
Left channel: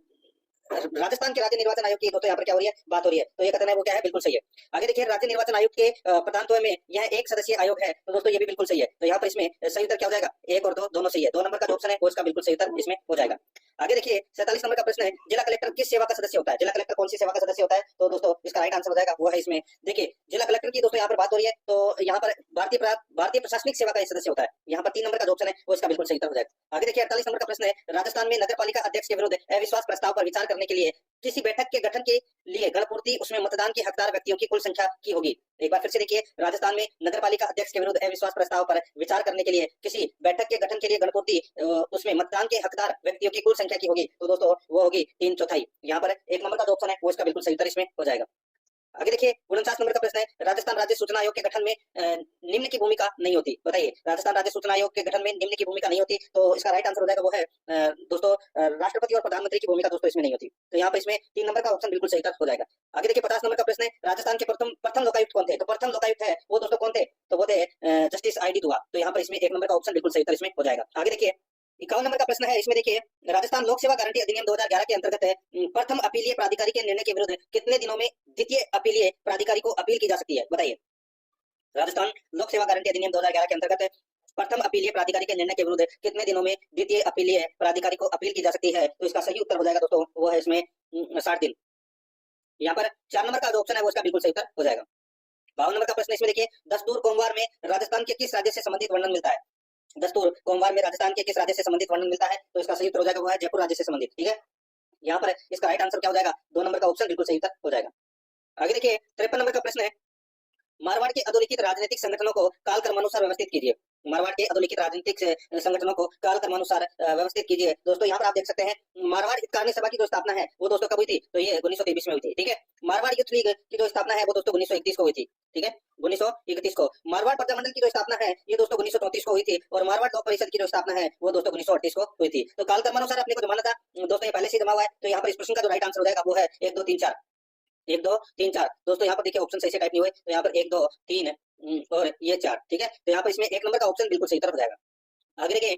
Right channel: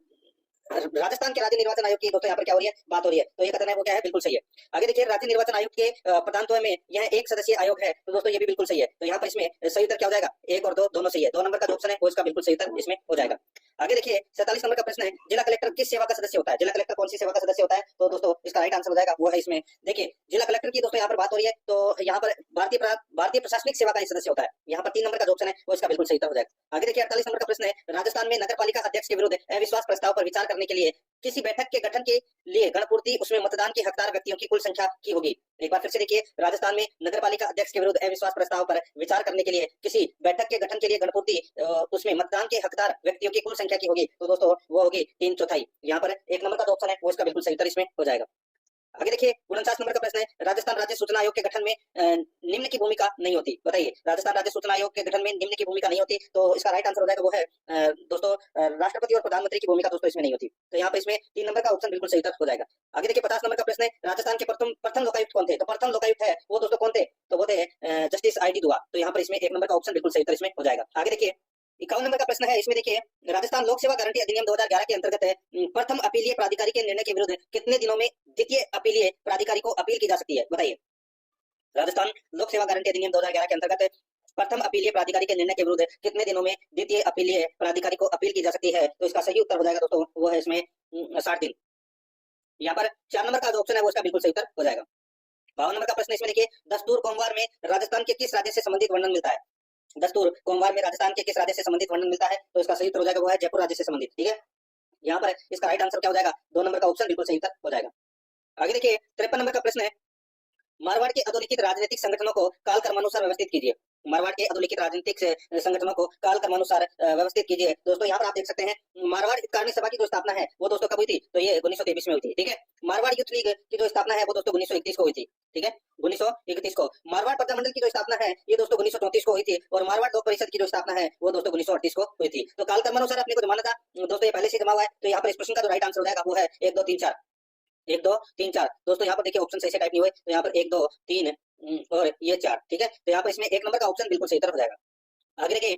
राजस्थान के राज्य निर्वाचन आयोग की दोस्तों यहाँ पर क्या हो रही है? बात हो रही है। तो ये कथन है वो क्या है? बिल्कुल सही है। आगे देखिए राज्य निर्वाचन आयोग के प्रधानत्व में यह 1 सदस्यीय आयोग है, तो दोस्तों ये भी बिल्कुल सही है। तो यहाँ पर इसमें सही उत्तर क्या हो जाएगा? 1 और 2 दोनों सही है। 2 नंबर का जो ऑप्शन है वो इसका बिल्कुल सही उत्तर इसमें हो जाएगा। आगे देखिए 47 नंबर का प्रश्न है, जिला कलेक्टर किस सेवा का सदस्य होता है? जिला कलेक्टर कौन सी सेवा का सदस्य होता है? तो दोस्तों इसका राइट आंसर हो जाएगा वो है इसमें, देखिए जिला कलेक्टर की दोस्तों यहाँ पर बात हो रही है, तो यहाँ पर भारतीय प्रशासनिक सेवा का सदस्य होता है। यहाँ पर 3 नंबर का जो ऑप्शन है वो इसका बिल्कुल सही उत्तर हो जाएगा। आगे देखिए 48 नंबर का प्रश्न है, राजस्थान में नगर पालिका अध्यक्ष के विरुद्ध अविश्वास प्रस्ताव पर विचार करने के लिए किसी बैठक के गठन के लिए गणपूर्ति उसमें मतदान के हकदार व्यक्तियों की कुल संख्या की होगी। एक बार फिर से देखिए, राजस्थान में नगरपालिका अध्यक्ष के विरुद्ध अविश्वास प्रस्ताव पर विचार करने के लिए किसी बैठक के गठन के लिए गणपूर्ति उसमें मतदान के हकदार व्यक्तियों की कुल संख्या की होगी। तो दोस्तों वो होगी 3/4। यहाँ पर 1 नंबर का जो ऑप्शन है वो इसका बिल्कुल सही उत्तर इसमें हो जाएगा। आगे देखिए 49 नंबर का प्रश्न है, राजस्थान राज्य सूचना आयोग के गठन में निम्न की भूमिका नहीं होती। बताइए, राजस्थान राज्य सूचना आयोग के गठन में निम्न की भूमिका नहीं होती, तो इसका राइट आंसर हो जाएगा वो है दोस्तों राष्ट्रपति और प्रधानमंत्री की भूमिका दोस्तों इसमें नहीं होती। तो यहाँ पर इसमें 3 नंबर का ऑप्शन बिल्कुल सही उत्तर हो जाएगा। आगे देखिए 50 नंबर का प्रश्न है, राजस्थान के प्रथम लोकायुक्त कौन थे? तो प्रथम लोकायुक्त है वो दोस्तों कौन थे? तो वो थे जस्टिस ID दुआ। तो यहाँ पर इसमें 1 नंबर का ऑप्शन बिल्कुल सही उत्तर इसमें हो जाएगा। आगे देखिए 51 नंबर का प्रश्न है, इसमें देखिए राजस्थान लोक सेवा गारंटी अधिनियम 2011 के अंतर्गत प्रथम अपीलीय प्राधिकारी के निर्णय के विरुद्ध कितने दिनों में द्वितीय अपीलीय प्राधिकारी को अपील की जा सकती है? बताइए, राजस्थान लोक सेवा गारंटी अधिनियम 2011 के अंतर्गत प्रथम अपीलीय प्राधिकारी के निर्णय के विरुद्ध कितने दिनों में द्वितीय अपीलीय प्राधिकारी को अपील की जा सकती है? तो इसका सही उत्तर हो जाएगा दोस्तों, वो है इसमें 60 दिन। यहाँ पर 4 नंबर का जो ऑप्शन है वो इसका बिल्कुल सही उत्तर हो जाएगा। 52 नंबर का प्रश्न इसमें देखिए, दस्तूर कोमवार में राजस्थान के किस राज्य से संबंधित वर्णन मिलता है? दस्तूर कोमवार में राजस्थान के किस राज्य से संबंधित वर्णन मिलता है? तो इसका सही उत्तर हो जाएगा, वो है जयपुर राज्य से संबंधित। ठीक है, यहाँ पर इसका राइट आंसर क्या हो जाएगा? 2 नंबर का ऑप्शन बिल्कुल सही उत्तर हो जाएगा। आगे देखिए 53 नंबर का प्रश्न है, मारवाड़ के अधोलिखित राजनीतिक संगठनों को काल क्रमानुसार व्यवस्थित कीजिए। मारवाड़ के अधोलिखित राजनीतिक संगठनों को काल क्रमानुसार व्यवस्थित कीजिए। दोस्तों यहाँ पर आप देख सकते हैं, मारवाड़ हितकार्नी सभा की जो स्थापना है वो दोस्तों कब हुई थी? तो ये 1923 में हुई थी। ठीक है, मारवाड़ युद्ध लीग की जो स्थापना है वो दोस्तों 1931 को हुई थी। ठीक है, 1931 को। मारवाड़ प्रजामंडल की जो स्थापना है ये दोस्तों 1934 को हुई थी, और मारवाड़ लोक परिषद की जो स्थापना है वो दोस्तों 1938 को हुई थी। तो काल क्रमानुसार अपने को जमाना था दोस्तों, ये पहले से जमा हुआ है। तो यहाँ पर इस प्रश्न का जो राइट आंसर हो जाएगा वो है 1 2 3 4। 1 2 3 4। दोस्तों यहाँ पर देखिए ऑप्शन सही से टाइप नहीं हुए, तो यहाँ पर 1 2 3 और ये 4। ठीक है, तो यहाँ पर इसमें 1 नंबर का ऑप्शन बिल्कुल सही उत्तर हो जाएगा। आगे देखिए,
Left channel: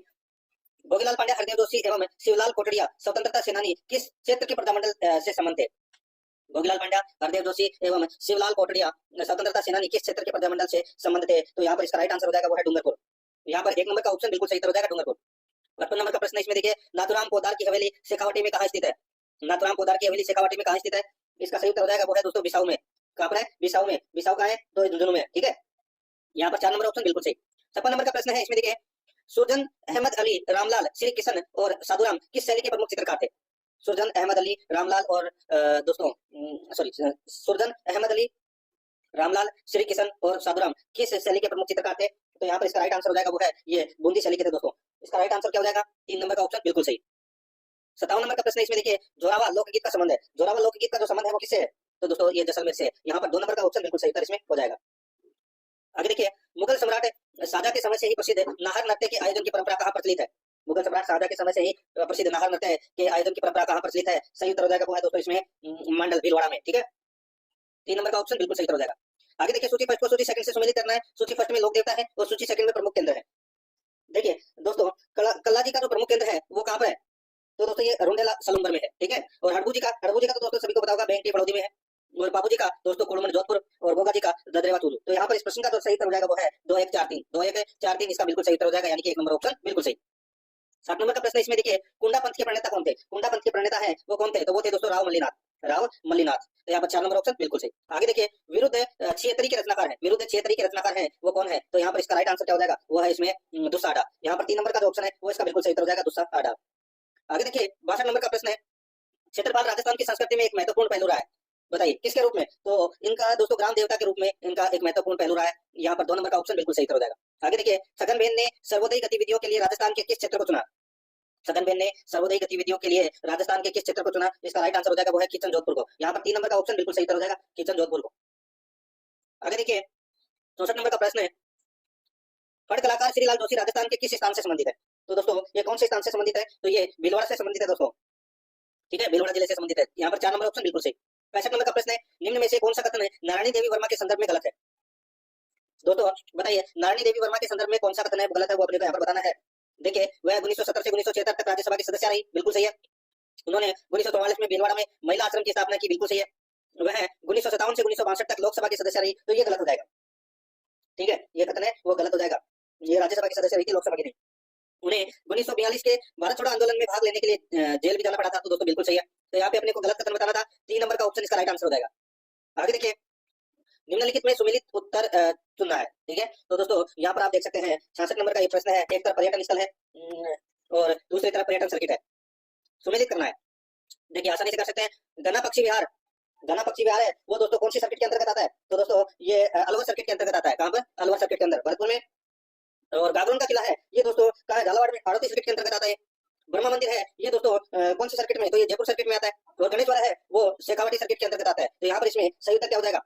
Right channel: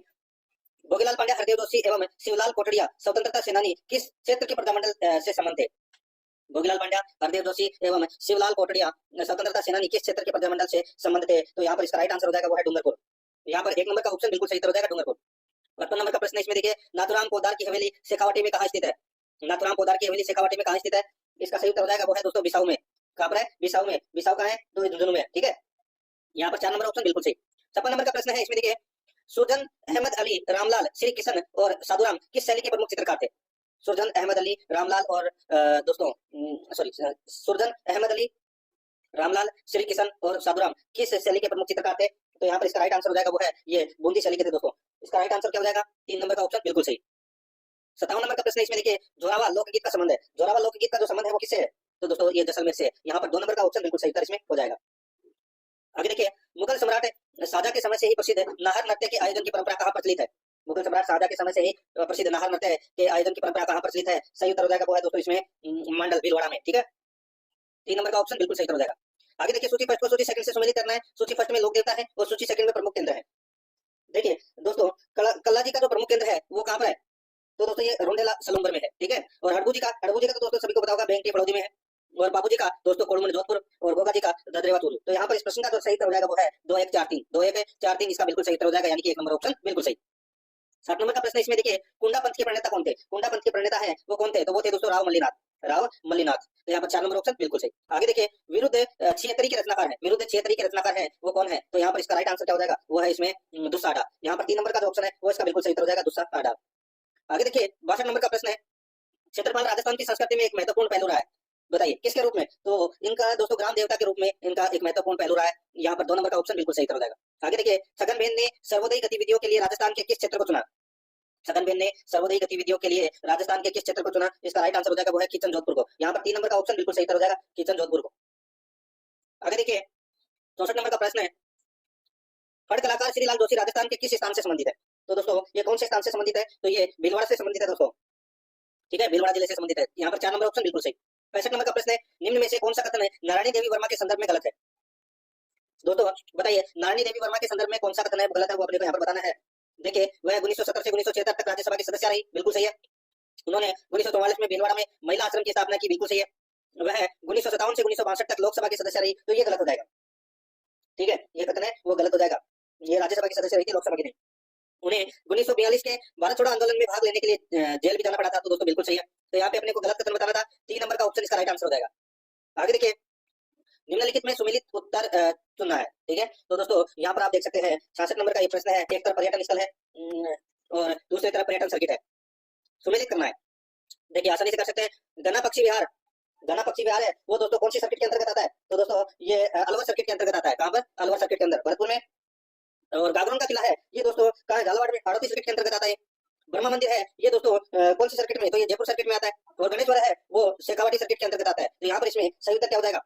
भोगीलाल पांड्या, हरदेव जोशी एवं शिवलाल कोटड़िया स्वतंत्रता सेनानी किस क्षेत्र के प्रजामंडल से संबंध थे? भोगीलाल पांड्या, हरदेव जोशी एवं शिवलाल कोटड़िया स्वतंत्रता सेनानी किस क्षेत्र के प्रजामंडल से संबंध थे? तो यहाँ पर इसका राइट आंसर हो जाएगा, वो है डूंगरपुर। यहाँ पर 1 नंबर का ऑप्शन बिल्कुल सही उत्तर हो जाएगा, डूंगरपुर। 55 नंबर का प्रश्न इसमें देखिए, नाथुराम पोद्दार की हवेली शेखावाटी में कहाँ स्थित है? नाथुराम पोद्दार की हवेली शेखावाटी में कहाँ स्थित है? इसका सही उत्तर हो जाएगा, वो है दोस्तों बिसाऊ में। कहाँ पर है? बिसाऊ में। बिसाऊ कहाँ है? तो झुंझुनू में। ठीक है, यहाँ पर 4 नंबर ऑप्शन बिल्कुल सही। 56 नंबर का प्रश्न है इसमें देखिए, सुरजन अहमद अली, रामलाल, श्री किशन और साधुराम किस शैली के प्रमुख चित्रकार थे? सुरजन अहमद अली, रामलाल और दोस्तों सुरजन अहमद अली, रामलाल, श्री किशन और साधुराम किस शैली के प्रमुख चित्रकार थे? तो यहाँ पर इसका राइट आंसर हो जाएगा, वो है ये बूंदी शैली के थे दोस्तों। इसका राइट आंसर क्या हो जाएगा? 3 नंबर का ऑप्शन बिल्कुल सही। 57 नंबर का प्रश्न इसमें देखिए, जोरावर लोकगीत का संबंध है। जोरावर लोकगीत का जो संबंध है वो किससे है? तो दोस्तों ये जैसलमेर से। यहाँ पर 2 नंबर का ऑप्शन बिल्कुल सही उत्तर इसमें हो जाएगा। आगे देखिए, मुगल सम्राट शाहजहां के समय से ही प्रसिद्ध नाहर नृत्य के आयोजन की परंपरा कहाँ प्रचलित है? मुगल सम्राट शाहजहां के समय से ही प्रसिद्ध नाहर नृत्य के आयोजन की परंपरा कहाँ प्रचलित है? सही उत्तर हो जाएगा, वो है दोस्तों इसमें मंडल भीलवाड़ा में। ठीक है, 3 नंबर का ऑप्शन बिल्कुल सही उत्तर हो जाएगा। आगे देखिए, सूची फर्स्ट को सूची सेकंड से सम्मिलित करना है। सूची फर्स्ट में लोक देवता है और सूची सेकंड में प्रमुख केंद्र है। देखिए दोस्तों, कल्ला जी का जो प्रमुख केंद्र है वो कहाँ पर है? तो दोस्तों ये रोंडेला सलूम्बर में है। ठीक है, और हड़बू जी का तो दोस्तों सभी को पता होगा बेंटी बड़ौदी में है, और बाबू जी का दोस्तों कोड़मन जोधपुर, और गोगा जी का ददरेवा चूरू। तो यहाँ पर इस प्रश्न का जो सही उत्तर हो जाएगा वो है 2 1 4 3। 2 1 4 3 इसका बिल्कुल सही उत्तर हो जाएगा, यानी कि 1 नंबर ऑप्शन बिल्कुल सही। 60 नंबर का प्रश्न इसमें देखिए, कुंडा पंथ के प्रणेता कौन थे? कुंडा पंथ के प्रणेता है वो कौन थे? तो वो थे दोस्तों राव मल्लीनाथ। राव मल्लीनाथ। तो यहाँ पर 4 नंबर ऑप्शन बिल्कुल सही। आगे देखिए, विरुद्ध 76 के रचनाकार है। विरुद्ध 76 के रचनाकार है वो कौन है? तो यहाँ पर इसका राइट आंसर क्या हो जाएगा? वो है इसमें दुस्साहडा। यहाँ पर 3 नंबर का जो ऑप्शन है वो इसका बिल्कुल सही उत्तर हो जाएगा, दुस्साहडा। आगे देखिए, 62 नंबर का प्रश्न है, क्षेत्रपाल राजस्थान की संस्कृति में एक महत्वपूर्ण पहलू रहा है, बताइए किसके रूप में? तो इनका दोस्तों ग्राम देवता के रूप में इनका एक महत्वपूर्ण पहलू रहा है। यहाँ पर 2 नंबर का ऑप्शन बिल्कुल सही उत्तर हो जाएगा। आगे देखिए, छगनबेन ने सर्वोदयी गतिविधियों के लिए राजस्थान के किस क्षेत्र को चुना? छगनबेन ने सर्वोदयी गतिविधियों के लिए राजस्थान के किस क्षेत्र को चुना? इसका राइट आंसर हो जाएगा, वो है किचन जोधपुर को। यहाँ पर 3 नंबर का ऑप्शन बिल्कुल सही उत्तर हो जाएगा, किचन जोधपुर को। आगे देखिए, 64 नंबर का प्रश्न है, फड़ कलाकार श्रीलाल जोशी राजस्थान के किस स्थान से संबंधित है? तो दोस्तों ये कौन से स्थान से संबंधित है? तो ये भीलवाड़ा से संबंधित है दोस्तों। ठीक है, भीलवाड़ा जिले से संबंधित है। यहाँ पर 4 नंबर ऑप्शन बिल्कुल सही। 65 नंबर का प्रश्न है, निम्न में से कौन सा कथन नारायणी देवी वर्मा के संदर्भ में गलत है? दोस्तों बताइए, नारायणी देवी वर्मा के संदर्भ में कौन सा कथन है वो गलत है, वो अपने को यहाँ पर बताना है। देखिए, वह 1970 से 1976 तक राज्यसभा की सदस्य रही, बिल्कुल सही है। उन्होंने 1944 में भीलवाड़ा में महिला आश्रम की स्थापना की, बिल्कुल सही है। वह 1957 से 1962 तक लोकसभा की सदस्य रही, तो ये गलत हो जाएगा। ठीक है, ये कथन है वो गलत हो जाएगा। ये राज्यसभा की सदस्य रही थी, लोकसभा की नहीं। उन्हें 1942 के भारत छोड़ो आंदोलन में भाग लेने के लिए जेल भी जाना पड़ा था, तो दोस्तों बिल्कुल सही है। तो यहाँ पे अपने को गलत कथन बताना था। 3 नंबर का ऑप्शन इसका राइट आंसर हो जाएगा। आगे देखिए, निम्नलिखित में सुमिलित उत्तर चुनना है। ठीक है, तो दोस्तों यहाँ पर आप देख सकते हैं 66 नंबर का ये प्रश्न है, एक तरफ पर्यटन स्थल है और दूसरी तरफ पर्यटन सर्किट है, सुमिलित करना है। देखिए आसानी से कर सकते हैं। गना पक्षी विहार, गना पक्षी विहार है वो दोस्तों कौन सी सर्किट के अंतर्गत आता है? तो दोस्तों ये अलवर सर्किट के अंतर्गत आता है। कहाँ पर? अलवर सर्किट के अंदर, भरतपुर में। और गागरोन का किला है ये दोस्तों कहाँ है? झालावाड़ में, हाड़ौती सर्किट के अंतर्गत आता है। ब्रह्मा मंदिर है ये दोस्तों कौन सी सर्किट में? तो ये जयपुर सर्किट में आता है। और गणेश्वर है वो शेखावाटी सर्किट के अंतर्गत आता है। तो यहाँ पर इसमें सही उत्तर क्या हो जाएगा?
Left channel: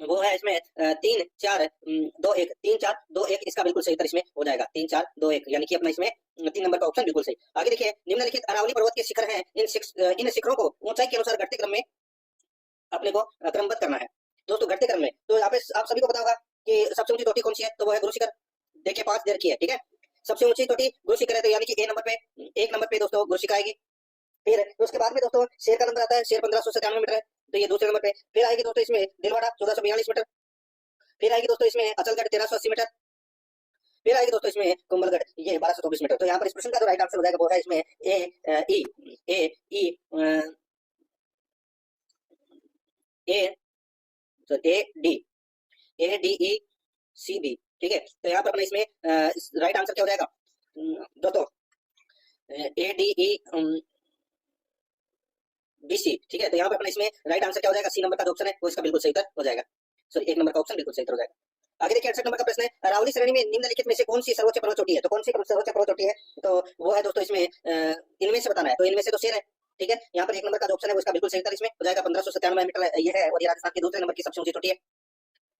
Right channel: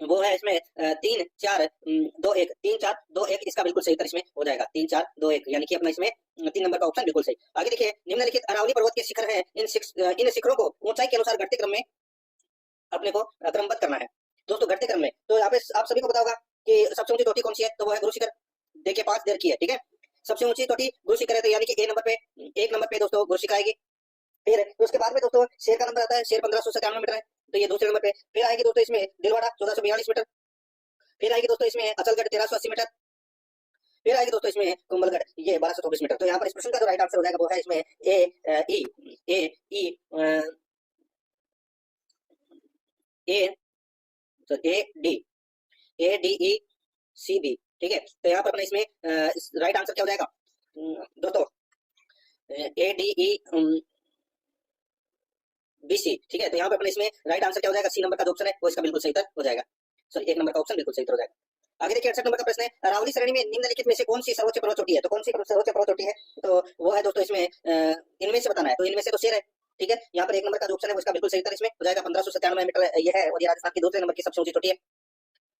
वो है इसमें 3 4 2 1 3 4 2 1 इसका बिल्कुल सही उत्तर इसमें हो जाएगा, 3 4 2 1, यानी कि अपना इसमें 3 नंबर का ऑप्शन बिल्कुल सही। आगे देखिए, निम्नलिखित अरावली पर्वत के शिखर हैं, इन शिखरों को ऊंचाई के अनुसार घटते क्रम में अपने को क्रमबद्ध करना है। दोस्तों घटते क्रम में, तो यहाँ पे आप सभी को पता होगा कि सबसे ऊंची चोटी कौन सी है? तो वो है गुरु शिखर। देखिए 5 देर की है। ठीक है, सबसे ऊंची चोटी गुरु शिखर है, तो यानी कि एक नंबर पे दोस्तों गुरु शिखर आएगी। ठीक है, तो उसके बाद में दोस्तों शेर का नंबर आता है, शेर 1597 मीटर है, तो ये दूसरे नंबर पे। फिर आएगी दोस्तों इसमें दिलवाड़ा 1442 मीटर। फिर आएगी दोस्तों इसमें अचलगढ़ 1380 मीटर, फिर आएगी दोस्तों इसमें कुंभलगढ़ ये 1224 मीटर। तो यहाँ पर इस प्रश्न का जो राइट आंसर हो जाएगा वो है इसमें ए डी सी बी। ठीक है, तो यहाँ पर अपने इसमें राइट आंसर क्या हो जाएगा दोस्तों A D E B C. ठीक है, तो यहाँ पर अपने इसमें राइट आंसर क्या हो जाएगा, सी नंबर का जो ऑप्शन है वो इसका बिल्कुल सही उत्तर हो जाएगा। सॉरी, एक नंबर का ऑप्शन बिल्कुल सही उत्तर हो जाएगा। आगे देखिए 68 नंबर का प्रश्न है, अरावली श्रेणी में निम्नलिखित में से कौन सी सर्वोच्च पर्वत चोटी है। तो कौन सी सर्वोच्च पर्वत चोटी है, तो वो है दोस्तों इसमें इनमें से बताना है। तो इनमें से तो शेर है। ठीक है, यहाँ पर एक नंबर का जो ऑप्शन है वो इसका बिल्कुल सही उत्तर इसमें हो जाएगा। 1597 मीटर ये है और ये राजस्थान की दूसरे नंबर की सबसे ऊंची चोटी है।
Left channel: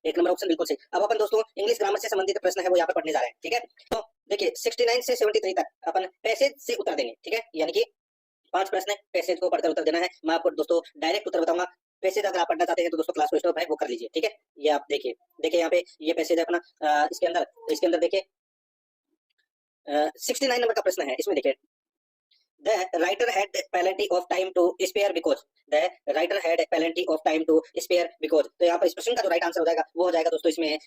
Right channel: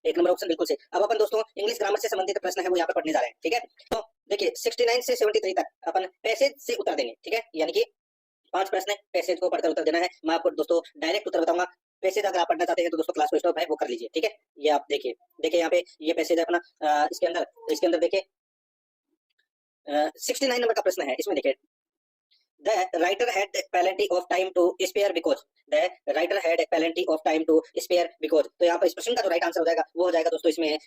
एक नंबर ऑप्शन बिल्कुल सही। अब अपन दोस्तों इंग्लिश ग्रामर से संबंधित प्रश्न है वो यहाँ पर पढ़ने जा रहे हैं। ठीक है, तो देखिए 69 से 73 तक अपन पैसेज से उत्तर देंगे। ठीक है, यानी कि 5 प्रश्न है, पैसेज को पढ़कर उत्तर देना है। मैं आपको दोस्तों डायरेक्ट उत्तर बताऊंगा। पैसेज अगर आप पढ़ना चाहते हैं तो दोस्तों क्लास को स्टॉप है वो कर लीजिए। ठीक है, ये आप देखिए यहाँ पे ये पैसेज है अपना इसके अंदर देखिए 69 नंबर का प्रश्न है। इसमें देखिए The writer had plenty of time to spare because the writer had plenty of time to spare because। तो यहाँ पर इस प्रश्न का जो राइट आंसर हो जाएगा वो हो जाएगा दोस्तों इसमें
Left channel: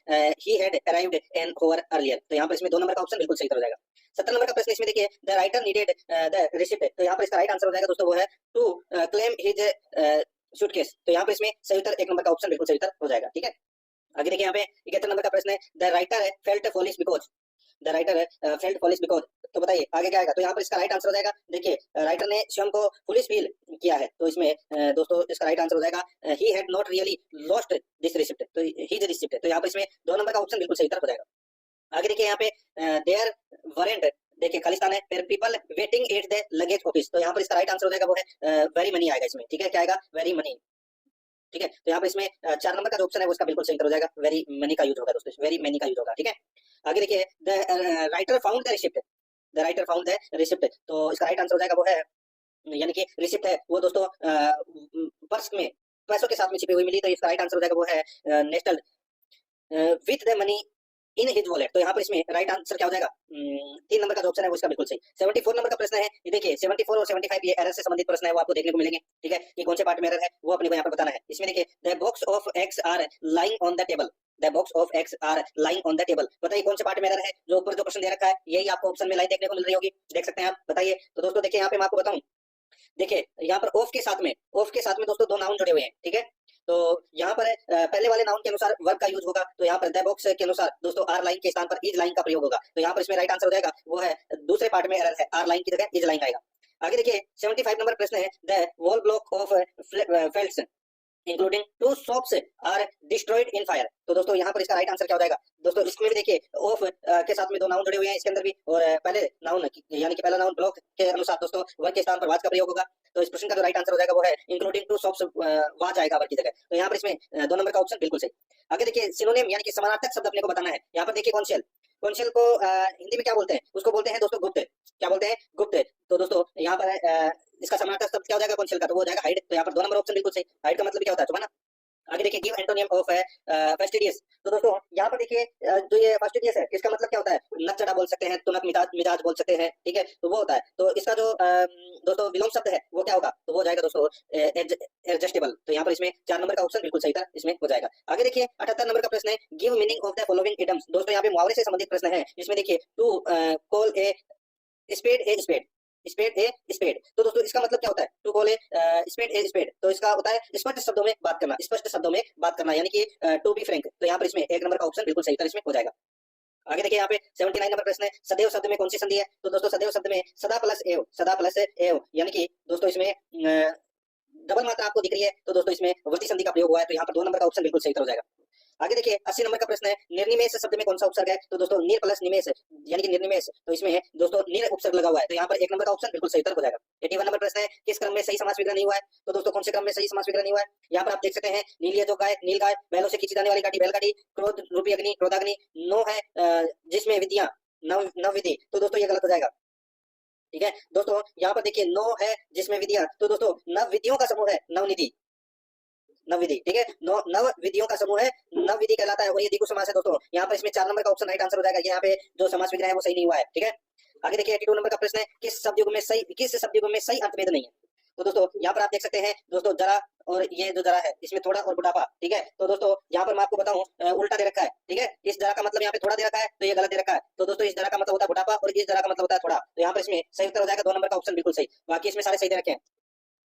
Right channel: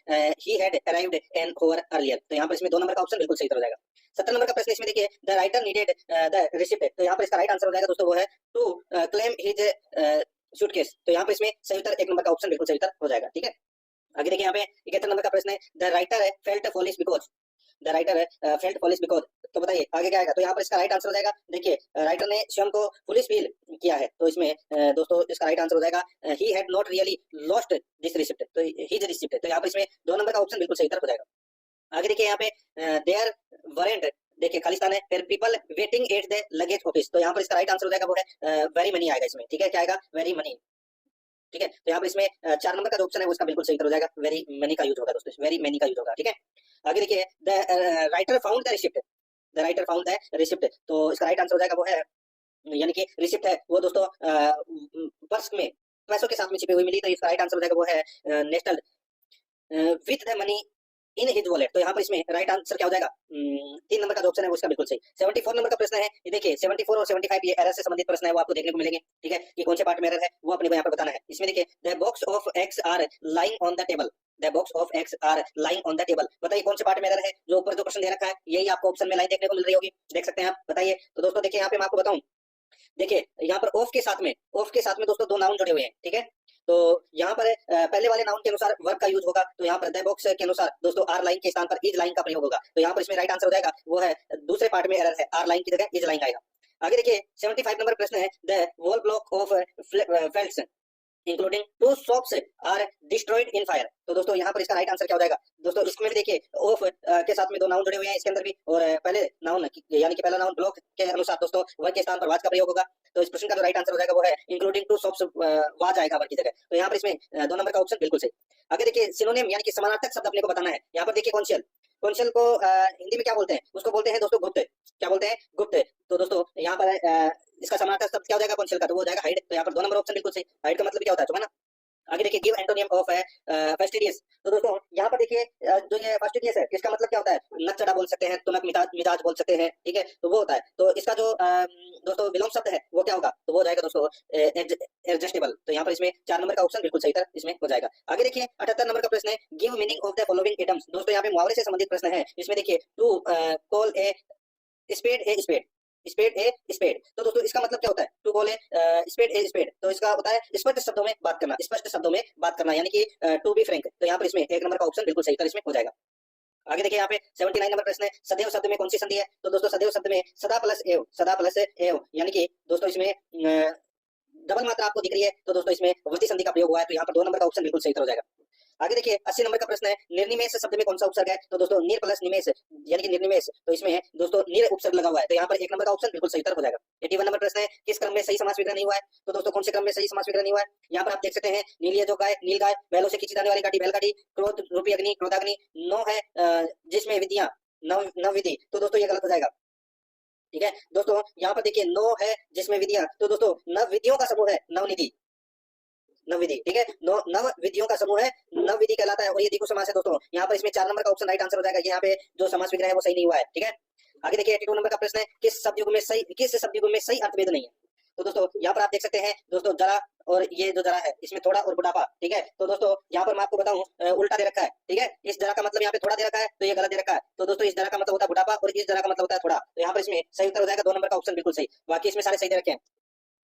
he had arrived an hour earlier। तो यहाँ पर इसमें 2 नंबर का ऑप्शन बिल्कुल सही हो जाएगा। 70 नंबर का प्रश्न इसमें देखिए the writer needed the receipt। तो यहाँ पर इसका राइट आंसर हो जाएगा दोस्तों वो है to claim his suitcase। तो यहाँ पर इसमें सही उत्तर 1 नंबर का ऑप्शन बिल्कुल सही उत्तर हो जाएगा। ठीक है, आगे देखिए यहाँ पे 71 नंबर का प्रश्न है the writer felt foolish because। The writer felt foolish because. तो बताइए आगे क्या आएगा। तो यहाँ पर इसका राइट आंसर हो जाएगा, देखिए राइटर ने स्वयं को फुलिश फील किया है। तो इसमें दोस्तों इसका राइट आंसर हो जाएगा he had not really lost this receipt. तो ही द रिसिप्ट। तो यहाँ पर इसमें 2 नंबर का ऑप्शन बिल्कुल सही उत्तर हो जाएगा। आगे देखिए यहाँ पे देयर वरेंट, देखिए खालिस्तान है, फिर people waiting at the luggage office. तो यहाँ पर इसका राइट आंसर हो जाएगा वो है वेरी मनी आएगा इसमें। ठीक है, क्या आएगा, वेरी मनी। ठीक है, तो यहाँ पर इसमें 4 नंबर का जो ऑप्शन है वो इसका बिल्कुल सही उत्तर हो जाएगा, वेरी मनी का यूज होगा दोस्तों, वेरी मनी का यूज होगा। ठीक है, आगे देखिए the writer found the receipt. The writer found the receipt. तो इसका राइट आंसर हो जाएगा वो है, यानी कि रिसिप्ट है वो दोस्तों पर्स में पैसों के साथ में छिपी हुई मिली। तो इसका राइट आंसर हो जाएगा वो है Nestlé with the money in his wallet. तो यहाँ पर इसमें राइट आंसर क्या हो जाएगा, 3 नंबर का जो ऑप्शन है वो इसका बिल्कुल सही। 74 नंबर का प्रश्न है, ये देखिए 74 और 75 ये एरर से संबंधित प्रश्न है वो आपको देखने को मिलेंगे। ठीक है, ये कौन से पार्ट में एरर है वो अपने को यहाँ पर बताना है। इसमें देखिए the box of eggs are lying on the table. The box of eggs are lying on the table. बताइए कौन से पार्ट में एरर है, जो ऊपर जो प्रश्न दे रखा है यही आपको ऑप्शन में लाइन देखने को मिल रही होगी, देख सकते हैं आप। बताइए, तो दोस्तों देखिए यहाँ पे मैं आपको बताऊं, देखिए यहाँ पर ऑफ के साथ में दोस्तों 2 नाउन जुड़े हुए हैं। ठीक है, तो यहाँ पर पहले वाले नाउन के अनुसार वर्ब का यूज होगा। तो यहाँ पर द बॉक्स के अनुसार दोस्तों आर लाइन के स्थान पर इज लाइन का प्रयोग होगा। तो यहाँ पर इसमें राइट आंसर हो जाएगा वो है दूसरे पार्ट में एरर है, आर लाइन की जगह इज लाइन आएगा। आगे देखिए 75 नंबर प्रश्न है the whole block of flats including 2 shops are destroyed in fire. तो दोस्तों यहाँ पर इसका राइट आंसर क्या हो जाएगा दोस्तों, इसमें भी देखिए ऑफ के साथ में 2 नाउन जुड़े हुए हैं इसके अंदर भी, और पहले नाउन यानी कि पहला नाउन ब्लॉक के अनुसार दोस्तों वर्ग के स्थान पर वाज का प्रयोग होगा। तो इस प्रश्न का जो राइट आंसर हो जाएगा वो है इंक्लूडिंग 2 शॉप्स वाज आएगा वर्ग की जगह। तो यहाँ पर इसमें 2 नंबर का ऑप्शन बिल्कुल सही। आगे देखिए सिनोनिम यानी कि समानार्थक शब्द अपने को बताना है। यहाँ पर देखिए कॉन्शियल, कॉन्शियल को हिंदी में क्या बोलते हैं, उसको बोलते हैं दोस्तों गुप्त। क्या बोलते हैं, गुप्त। तो दोस्तों यहाँ पर इसका समानार्थक शब्द क्या हो जाएगा कॉन्शियल का, तो वो हो जाएगा हाइड। तो यहाँ पर 2 नंबर ऑप्शन बिल्कुल सही। हाइड का मतलब क्या होता है, ना। आगे देखिए गिव एंटोनियम ऑफ फेस्टिडियस। तो दोस्तों यहाँ पर देखिए जो ये फेस्टिडियस है इसका मतलब क्या होता है, नचड़ा बोल सकते हैं, तुनक मिजाज बोल सकते हैं। ठीक है, तो वो होता है। तो इसका जो दोस्तों विलोम शब्द है वो क्या होगा, तो वो हो जाएगा दोस्तों एडजस्टेबल। तो यहाँ पर इसमें 4 नंबर का ऑप्शन बिल्कुल सही था, इसमें हो जाएगा। आगे देखिए 78 नंबर का प्रश्न है give meaning of the following idioms. दोस्तों यहाँ पे मुहावरे से संबंधित प्रश्न है। इसमें देखिए to call a spade a spade, spade a spade. तो दोस्तों इसका मतलब क्या होता है, to call a spade a spade. तो इसका होता है स्पष्ट शब्दों में बात करना, स्पष्ट शब्दों में बात करना, यानी कि टू बी फ्रैंक। तो यहाँ पर इसमें 1 नंबर का ऑप्शन बिल्कुल सही था, इसमें हो जाएगा। आगे देखिए यहाँ पे 79 नंबर प्रश्न है सदैव शब्द में कौन सी संधि है। तो दोस्तों सदैव शब्द में सदा प्लस एव, सदा प्लस एव, यानी कि दोस्तों इसमें डबल मात्रा आपको दिख रही है। तो दोस्तों इसमें वृत्ति संधि का प्रयोग हुआ है। तो यहाँ पर 2 नंबर का ऑप्शन बिल्कुल सही हो जाएगा। आगे देखिए 80 नंबर का प्रश्न है निर्निमेष शब्द में कौन सा उपसर्ग है। तो दोस्तों निर प्लस निमेष यानी कि निर्निमेष। तो इसमें दोस्तों निर उपसर्ग लगा हुआ है। तो यहाँ पर 1 नंबर का ऑप्शन बिल्कुल सही उत्तर हो जाएगा। 81 नंबर प्रश्न है किस क्रम में सही समास विग्रह नहीं हुआ है। तो दोस्तों कौन से क्रम में सही समास विग्रह नहीं हुआ है, यहाँ पर आप देख सकते हैं नीलिया जो गाय, नील गाय, महलों से खींची जाने वाली गाड़ी बैलगाड़ी, क्रोध रूपी अग्नि क्रोधाग्नि, नो है जिसमें विधियां नव विधि। तो दोस्तों ये गलत हो जाएगा। ठीक है दोस्तों, यहाँ पर देखिए नो है जिसमें विधियां, तो दोस्तों नव विधियों का समूह है नवनिधि, नवविधि। ठीक है, नव विधियों का समूह है नव विधि कहलाता है। और ये द्विगु समास है दोस्तों। यहाँ पर इसमें 4 नंबर का ऑप्शन राइट आंसर हो जाएगा। यहाँ पे जो समास विग्रह है वो सही नहीं हुआ है। ठीक है, आगे देखिए 82 नंबर का प्रश्न है किस शब्द युग में सही अर्थ भेद नहीं है। तो दोस्तों यहाँ पर आप देख सकते हैं दोस्तों जरा, और ये जो जरा है इसमें थोड़ा और बुढ़ापा, ठीक है। तो दोस्तों यहाँ पर मैं आपको बताऊं उल्टा दे रखा है, ठीक है। इस जरा का मतलब यहाँ पे थोड़ा दे रखा है, तो ये गलत दे रखा है। तो दोस्तों इस जरा का मतलब होता है बुढ़ापा और इस जरा का मतलब होता है थोड़ा। तो यहाँ पर इसमें सही उत्तर हो जाएगा 2 नंबर का ऑप्शन बिल्कुल सही। बाकी इसमें सारे सही दे रखे हैं।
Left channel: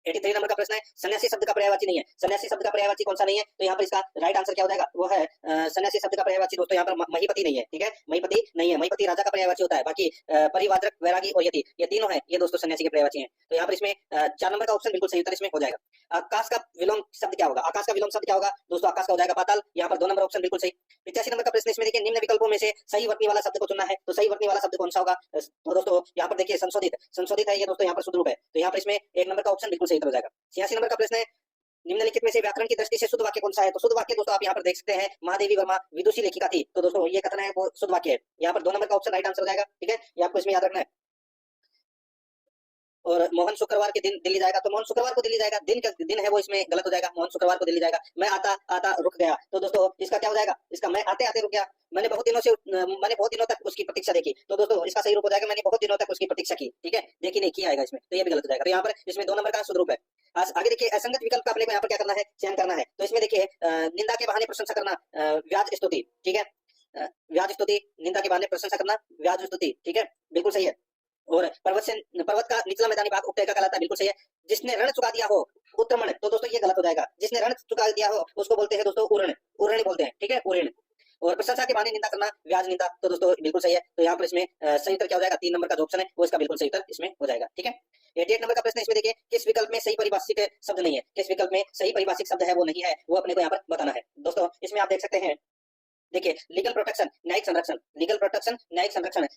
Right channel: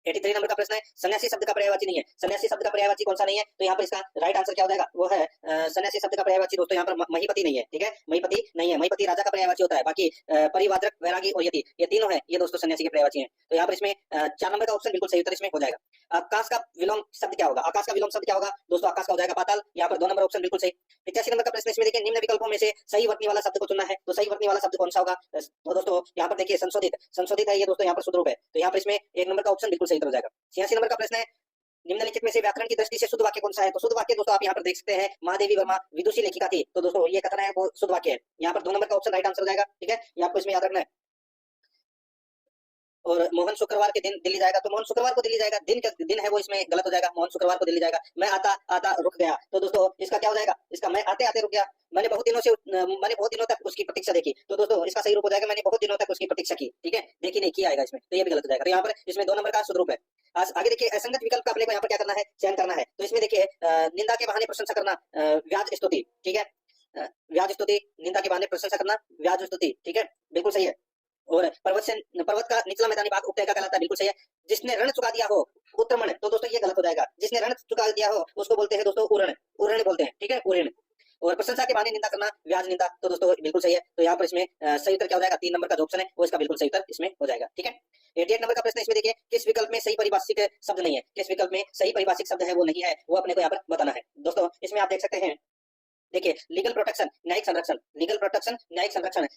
83 नंबर का प्रश्न है, सन्यासी शब्द का पर्यायवाची नहीं है। सन्यासी शब्द का पर्यायवाची कौन सा नहीं है? तो यहाँ पर इसका राइट आंसर क्या हो जाएगा? वो है सन्यासी शब्द का पर्यायवाची दोस्तों यहाँ पर महीपति नहीं है, ठीक है। महीपति नहीं है, महीपति राजा का पर्यायवाची होता है। बाकी परिवादक, वैरागी और यति, ये तीनों है, ये दोस्तों सन्यासी के पर्यायवाची हैं। तो यहाँ पर इसमें 4 नंबर का ऑप्शन बिल्कुल सही उत्तर इसमें हो जाएगा। आकाश का विलोम शब्द क्या होगा? आकाश का विलोम शब्द क्या होगा दोस्तों? आकाश का हो जाएगा पाताल। यहाँ पर 2 नंबर ऑप्शन बिल्कुल सही। 85 नंबर का प्रश्न इसमें देखिए, निम्न विकल्पों में से सही वर्तनी वाला शब्द को चुनना है। तो सही वर्तनी वाला शब्द कौन सा होगा? तो दोस्तों यहाँ पर देखिए संशोधित, संशोधित है ये दोस्तों, यहाँ पर सुद्रूप है। तो यहाँ पर इसमें 1 नंबर का ऑप्शन बिल्कुल सही उत्तर हो जाएगा। 86 नंबर का प्रश्न है, निम्नलिखित में से व्याकरण की दृष्टि से शुद्ध वाक्य कौन सा है? तो शुद्ध वाक्य दोस्तों आप यहाँ पर देख सकते हैं, महादेवी वर्मा विदुषी लेखिका थी। तो दोस्तों ये कथन है वो शुद्ध वाक्य है। यहाँ पर 2 नंबर का ऑप्शन राइट आंसर हो जाएगा, ठीक है। ये आपको इसमें याद रखना है। और मोहन शुक्रवार के दिन दिल्ली जाएगा, तो मोहन शुक्रवार को दिल्ली जाएगा, दिन का दिन है वो इसमें गलत हो जाएगा। मोहन शुक्रवार को दिल्ली जाएगा। मैं आता आता रुक गया, तो दोस्तों इसका क्या हो जाएगा? इसका मैं आते आते रुक गया। मैंने बहुत दिनों तक उसकी प्रतीक्षा देखी। तो दोस्तों इसका सही रूप हो जाएगा, मैंने बहुत दिनों तक उसकी प्रतीक्षा की, ठीक है। देखी नहीं, किया आएगा इसमें, तो ये भी गलत हो जाएगा। तो यहाँ पर इसमें 2 नंबर का शुद्ध रूप है। आगे देखिए, असंगत विकल्प का अपने को यहाँ पर क्या करना है? चयन करना है। तो इसमें देखिए निंदा के बहाने प्रशंसा करना, व्याज स्तुति, ठीक है। व्याज स्तुति, निंदा के बहाने प्रशंसा करना, व्याज स्तुति, ठीक है, बिल्कुल सही है। और पर्वत का निचला मैदानी भाग उपत्यका का कहलाता है, बिल्कुल सही है। जिसने रण चुका दिया हो उत्तरमण, तो दोस्तों ये गलत हो जाएगा। जिसने रण चुका दिया हो उसको बोलते हैं दोस्तों उरण, उरण बोलते हैं, ठीक है, उरण। और प्रशंसा के बहाने निंदा करना, व्याज निंदा, तो दोस्तों बिल्कुल सही है। तो यहाँ पर इसमें सही उत्तर क्या हो जाएगा? 3 नंबर का जो ऑप्शन है वो इसका बिल्कुल सही उत्तर इसमें हो जाएगा, ठीक है। 88 नंबर का प्रश्न इसमें देखिए, किस विकल्प में सही परिभाषिक शब्द नहीं है? किस विकल्प में सही परिभाषिक शब्द है वो नहीं है, वो अपने को यहाँ पर बताना है। दोस्तों इसमें आप देख सकते हैं, देखिए लीगल प्रोटेक्शन, न्यायिक संरक्षण, लीगल प्रोटेक्शन, न्यायिक संरक्षण,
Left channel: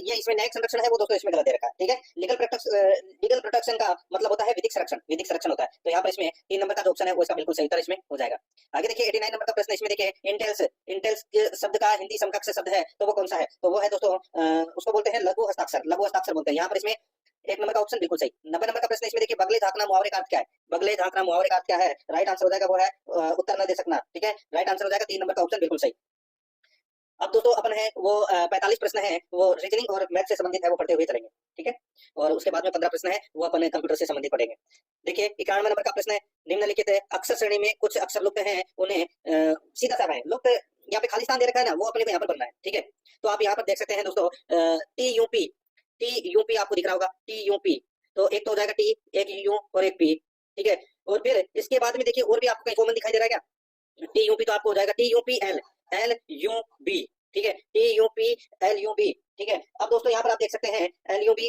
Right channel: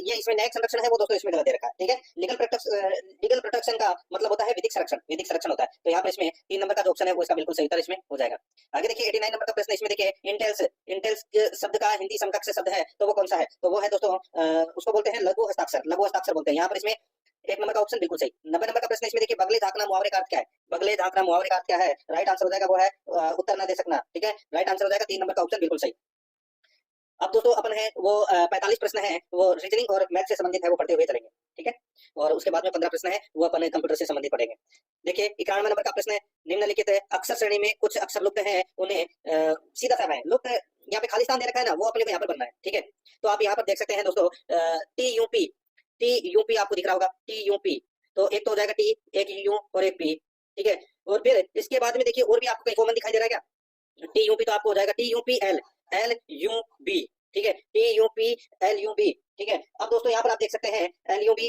ये इसमें न्यायिक संरक्षण है वो दोस्तों इसमें गलत दे रखा है, ठीक है। लीगल प्रोटेक्शन का मतलब होता है विधिक संरक्षण, विधिक संरक्षण होता है। तो यहाँ पर इसमें 3 नंबर का जो ऑप्शन है वो इसका बिल्कुल सही उत्तर इसमें हो जाएगा। आगे देखिए 89 नंबर का प्रश्न इसमें देखिए, इंटेल्स, इंटेल्स शब्द का हिंदी समकक्ष शब्द है तो वो कौन सा है? तो वो है दोस्तों उसको बोलते हैं लघु हस्ताक्षर, लघु हस्ताक्षर बोलते हैं। यहाँ पर इसमें 1 नंबर का ऑप्शन बिल्कुल सही। 90 नंबर का प्रश्न इसमें देखिए, बगले झांकना मुहावरे का अर्थ क्या है? बगले झांकना मुहावरे का अर्थ क्या है? राइट आंसर हो जाएगा वो है उत्तर न दे सकना, ठीक है। राइट आंसर हो जाएगा 3 नंबर का ऑप्शन बिल्कुल सही। अब दोस्तों अपन है वो 45 प्रश्न है वो रीजनिंग और मैथ से संबंधित है, वो पढ़ते हुए चलेंगे, ठीक है। और उसके बाद में 15 प्रश्न है वो अपन कंप्यूटर से संबंधित पढ़ेंगे। देखिए 91 नंबर का प्रश्न है, निम्नलिखित अक्षर श्रेणी में कुछ अक्षर लुप्त हैं, उन्हें सीधा सा है लुप्त, यहाँ पे खाली स्थान दे रखा है ना, वो अपने को यहाँ पर बनना है, ठीक है। तो आप यहाँ पर देख सकते हैं दोस्तों TUP, TUP आपको दिख रहा होगा, TUP। तो एक तो हो जाएगा T, एक U और एक P, ठीक है। और फिर इसके बाद में देखिए और भी आपको कहीं कॉमन दिखाई दे रहा है क्या? TUP तो आपको हो जाएगा TUPL, LUB, ठीक है, TUPLUB, ठीक है। अब दोस्तों यहाँ पर आप देख सकते हैं LUB,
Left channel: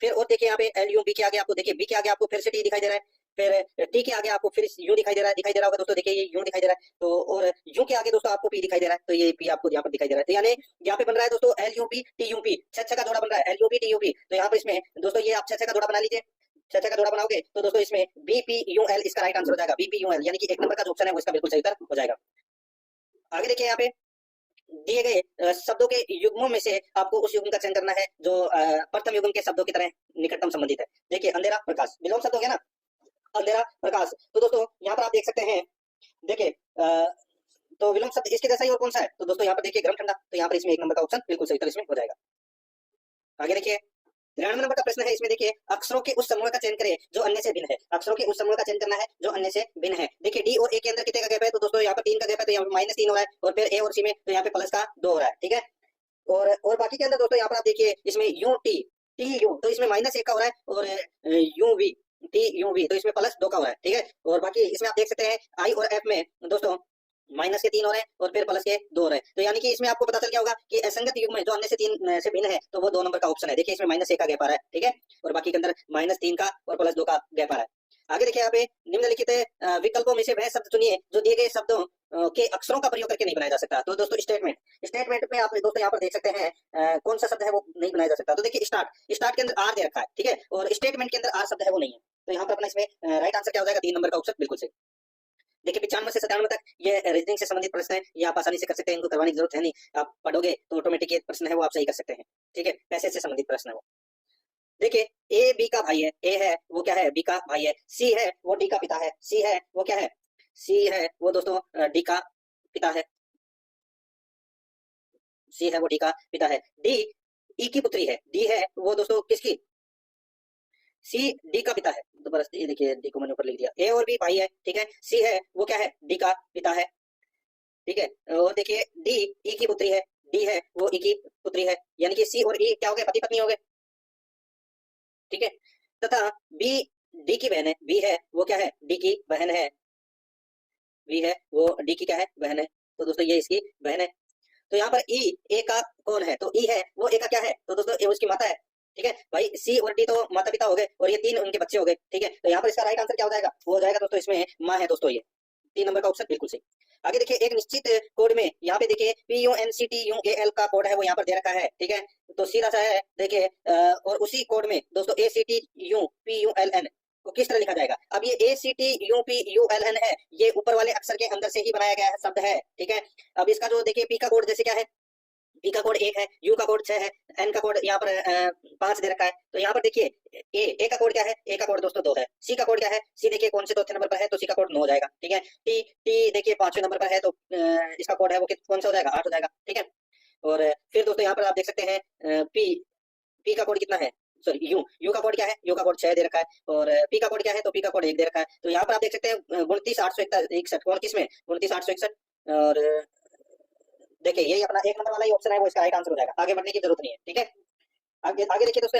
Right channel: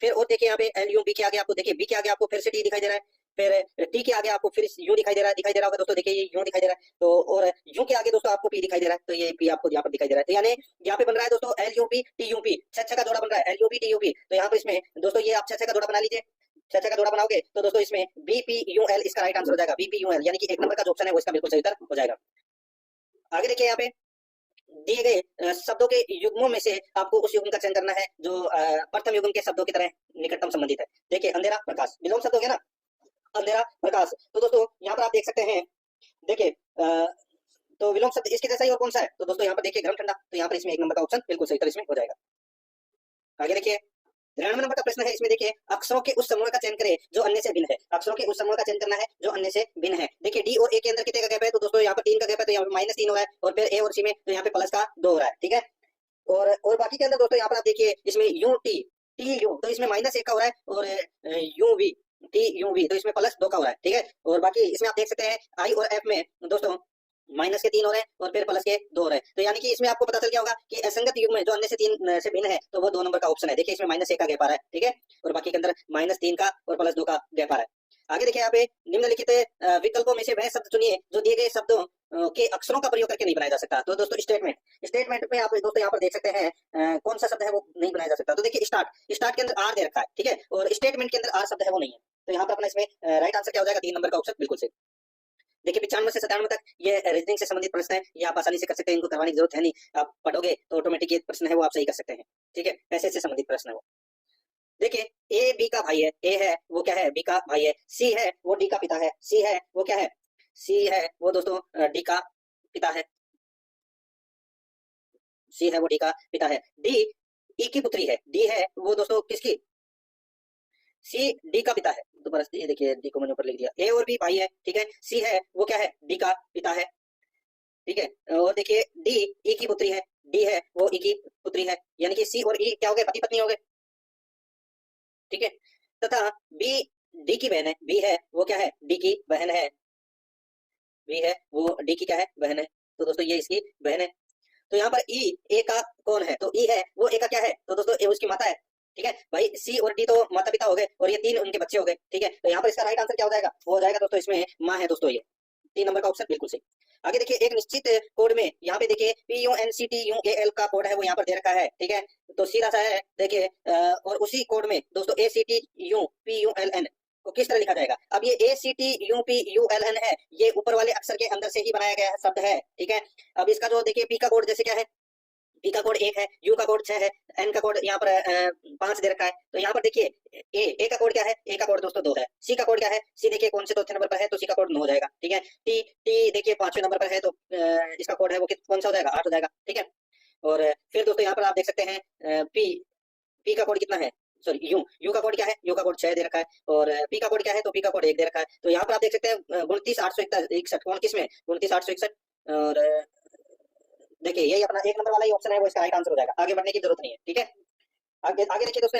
फिर और देखिए यहाँ पे LUB के आगे आपको देखिए B के आगे आपको फिर से T दिखाई दे रहा है, फिर T के आगे आपको फिर U दिखाई दे रहा होगा दोस्तों, देखिए ये U दिखाई दे रहा है। तो और U के आगे दोस्तों आपको P दिखाई दे रहा है, तो ये P आपको यहाँ पर दिखाई दे रहा है। तो यानी यहाँ पे बन रहा है दोस्तों LUB TUP, 6 का जोड़ा बन रहा है LUB TUP। तो यहाँ पर इसमें दोस्तों ये आप 6 का जोड़ा बना लीजिए, 6 का जोड़ा बनाओगे तो दोस्तों इसमें BPUL इसका राइट आंसर हो जाएगा, BPUL, यानी कि 1 नंबर का जो ऑप्शन है वो इसका बिल्कुल सही उत्तर हो जाएगा। आगे देखिए यहाँ पे दिए गए शब्दों के युग्मों में से आपको उस युग्म का चयन करना है जो प्रथम युग्म के शब्दों की तरह निकटतम संबंधित है। देखिए अंधेरा प्रकाश, विलोम शब्द हो गया ना, अंधेरा प्रकाश। तो दोस्तों यहाँ पर आप देख सकते हैं, देखिए तो विलोम शब्द इसके जैसा ही और कौन सा है? तो दोस्तों यहाँ पर देखिए गर्म ठंडा, तो यहाँ पर इसमें 1 नंबर का ऑप्शन बिल्कुल सही उत्तर इसमें हो जाएगा। आगे देखिए 93 नंबर का प्रश्न है, इसमें देखिए अक्षरों के उस समूह का चयन करें जो अन्य से भिन्न है। अक्षरों के उस समूह का चयन करना है जो अन्य से भिन्न है। देखिए डी और ए के अंदर कितने का गैप है? तो दोस्तों यहाँ पर 3 का गैप है, तो यहाँ पर -3 हो रहा है, और फिर ए और सी में तो यहाँ पे प्लस का 2 हो रहा है, ठीक है। और बाकी के अंदर दोस्तों यहाँ पर आप देखिए इसमें TU तो इसमें -1 का हो रहा है, और TUV तो इसमें +2 का हो रहा है, ठीक है। और बाकी इसमें आप देख सकते हैं I और F में दोस्तों माइनस के 3 हो रहे हैं और फिर प्लस के 2 हो रहे हैं। तो यानी कि इसमें आपको पता चल गया होगा कि असंगत युग्म में जो अन्य से 3 से भिन्न है तो वो 2 नंबर का ऑप्शन है। देखिए इसमें -1 का गैप आ रहा है, ठीक है, और बाकी के अंदर -3 का और +2 का गैप आ रहा है। आगे देखिए यहाँ पे निम्नलिखित विकल्पों में से वह शब्द चुनिए जो दिए गए शब्दों के अक्षरों का प्रयोग करके नहीं बनाया जा सकता। तो दोस्तों स्टेटमेंट पे आप दोस्तों यहाँ पर देख सकते हैं कौन सा शब्द है वो नहीं बनाया जा सकता। तो देखिए स्टार्ट के अंदर आर दे रखा है, ठीक है, और स्टेटमेंट के अंदर आर शब्द है वो नहीं है। तो यहाँ पर अपना इसमें राइट आंसर क्या हो जाएगा? 3 नंबर का ऑप्शन बिल्कुल सही। देखिए 95 से 97 तक ये रीजनिंग से संबंधित प्रश्न है, ये आप आसानी से कर सकते हैं, इनको करवाने की जरूरत है नहीं, आप पढ़ोगे तो ऑटोमेटिक ये प्रश्न है वो आप सही कर सकते हैं, ठीक है, पैसे से संबंधित प्रश्न है वो। देखिए ए बी का भाई है, ए है वो क्या है? बी का भाई है। सी है वो डी का पिता है, सी है वो क्या है? सी है वो दोस्तों डी का पिता है, सी है वो डी का पिता है। डी ई की पुत्री है, डी है वो दोस्तों किसकी? सी डी का पिता है, दोबारा से ये देखिए डी को मैंने ऊपर लिख दिया। ए और बी भाई है, ठीक है। सी है वो क्या है, डी का पिता है, ठीक है। और देखिए डी ई की पुत्री है, डी है वो ई की पुत्री है, यानी कि सी और ई क्या हो गए, पति पत्नी हो गए, ठीक है। तथा बी डी की बहन है, बी है वो क्या है, डी की बहन है, बी है वो डी की क्या है, बहन है। तो दोस्तों ये इसकी बहन है। तो यहाँ पर ई ए का कौन है, तो ई है वो ए का क्या है, तो दोस्तों ए उसकी माता है, ठीक है भाई। सी और डी तो माता पिता हो गए और ये तीन उनके बच्चे हो गए, ठीक है। तो यहाँ पर इसका राइट आंसर क्या हो जाएगा, वो हो जाएगा दोस्तों इसमें माँ है दोस्तों, ये 3 नंबर का ऑप्शन बिल्कुल सही। आगे देखिए एक निश्चित कोड में यहाँ पे देखिए PUNCTUAL का कोड है वो यहाँ पर दे रखा है, ठीक है। तो सीधा सा है देखिए और उसी कोड में दोस्तों ACTUPULN को किस तरह लिखा जाएगा। अब ये ACTUPULN है, ये ऊपर वाले अक्षर के अंदर से ही बनाया गया शब्द है, ठीक है। अब इसका जो देखिए पी का कोड जैसे क्या है, पी का कोड 1 है, यू का कोड 6 है, एन का कोड यहाँ पर 5 दे रखा है। तो यहाँ पर देखिए ए का कोड क्या है, ए का कोड दोस्तों 2 है। सी का कोड क्या है, सी देखिए कौन से चौथे नंबर पर है, तो सी का कोड 9 हो जाएगा, ठीक है। टी टी देखिए 5वें नंबर पर है, तो इसका कोड है वो कौन सा हो जाएगा, 8 हो जाएगा, ठीक है। और फिर दोस्तों यहाँ पर आप देख सकते हैं पी पी का कोड कितना है, सॉरी यू का कोड क्या है, यू का कोड 6 दे रखा है। और पी का कोड क्या है, तो पी का कोड 1 दे रखा है। तो यहाँ पर आप देख सकते हैं 29,861 कौन किसमें, 29,861। और देखिए यही अपना 1 नंबर वाला ही ऑप्शन है वो इसका राइट आंसर हो जाएगा, आगे बढ़ने की जरूरत नहीं है, ठीक है। आगे आगे देखिए दोस्तों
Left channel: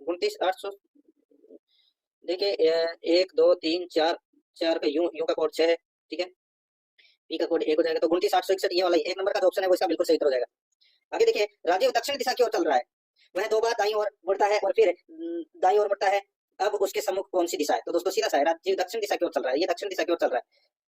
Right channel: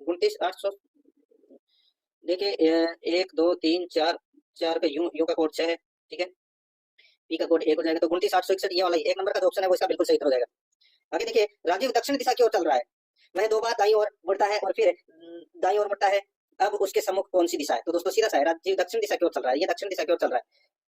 29,800 देखिए 1 2 3 4 4 पे यू का कोड 6 है, ठीक है। पी का कोड 1 हो जाएगा, तो 29,861 ये वाला 1 नंबर का जो ऑप्शन है वो इसका बिल्कुल सही उत्तर हो जाएगा। आगे देखिए राजीव दक्षिण दिशा की ओर चल रहा है, वह 2 बार दाईं ओर मुड़ता है और फिर दाईं ओर मुड़ता है, अब उसके सम्मुख कौन सी दिशा है, तो दोस्तों सीधा सा है, राजीव दक्षिण दिशा की ओर चल रहा है, ये दक्षिण दिशा की ओर चल रहा है,